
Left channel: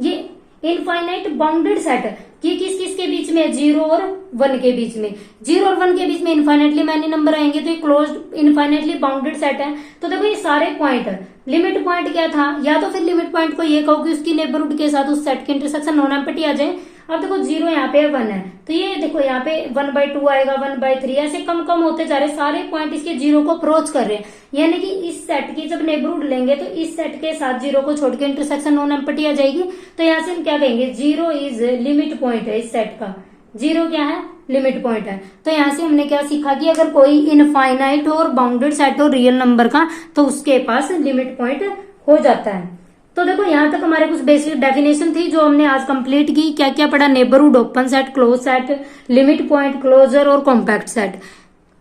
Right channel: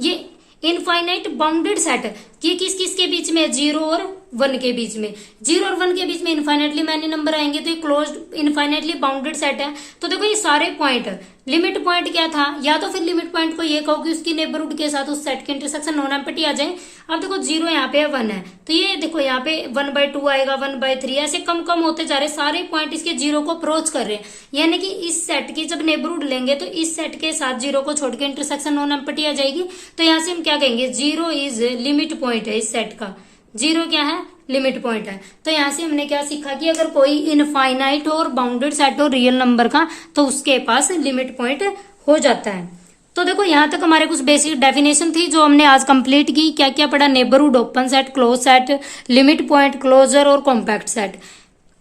ये इनफाइनाइट बाउंडेड सेट ये किस किस के बीच में, 0 और 1 के बीच में। 0 और 1 के बीच में इनफाइनाइटली मैनी नंबर आएंगे तो ये क्लोज्ड इनफाइनाइटली बाउंडेड सेट है। तो देखो ये सारे पॉइंट, लिमिट पॉइंट क्या था, या तो फिर लिमिट पॉइंट को ये कहो कि उसकी नेबरहुड के साथ उस सेट के इंटरसेक्शन नॉन एम्प्टी आ जाए। अब देखो 0 यहाँ पे 1 है तो ये देखो यहाँ पे 1/2 आएगा, 1/3, ऐसे कम कम होते जा रहे, सारे पॉइंट इसके 0 को अप्रोच कर रहे हैं। यानी कि इस सेट की जब नेबरहुड लेंगे तो इस सेट के साथ 0 को छोड़ के इंटरसेक्शन नॉन एम्प्टी आ जाएगी। तो यहाँ से हम क्या कहेंगे, 0 इज लिमिट पॉइंट है इस सेट का। 0 क्या है, लिमिट पॉइंट है। तो यहाँ से हमने क्या सीखा कि अगर कोई इनफाइनाइट और बाउंडेड सेट हो रियल नंबर का तो उसके पास लिमिट पॉइंट हो जाता है। तो देखो यहाँ तक हमारे कुछ बेसिक डेफिनेशन थी जो हमने आज कंप्लीट की। क्या क्या पढ़ा, neighbourhood, open set, close set, limit point, closure और कॉम्पैक्ट सेट।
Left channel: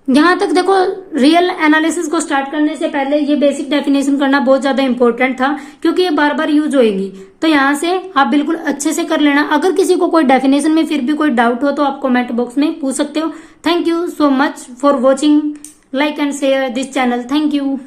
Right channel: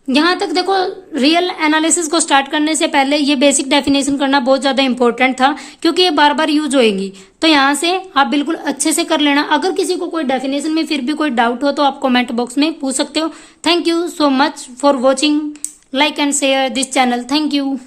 यहाँ तक देखो रियल एनालिसिस को स्टार्ट करने से पहले ये बेसिक डेफिनेशन करना बहुत ज्यादा इंपॉर्टेंट था क्योंकि ये बार बार यूज होएगी। तो यहाँ से आप बिल्कुल अच्छे से कर लेना। अगर किसी को कोई डेफिनेशन में फिर भी कोई डाउट हो तो आप कमेंट बॉक्स में पूछ सकते हो। Thank you so much for watching, like and share this channel. Thank you.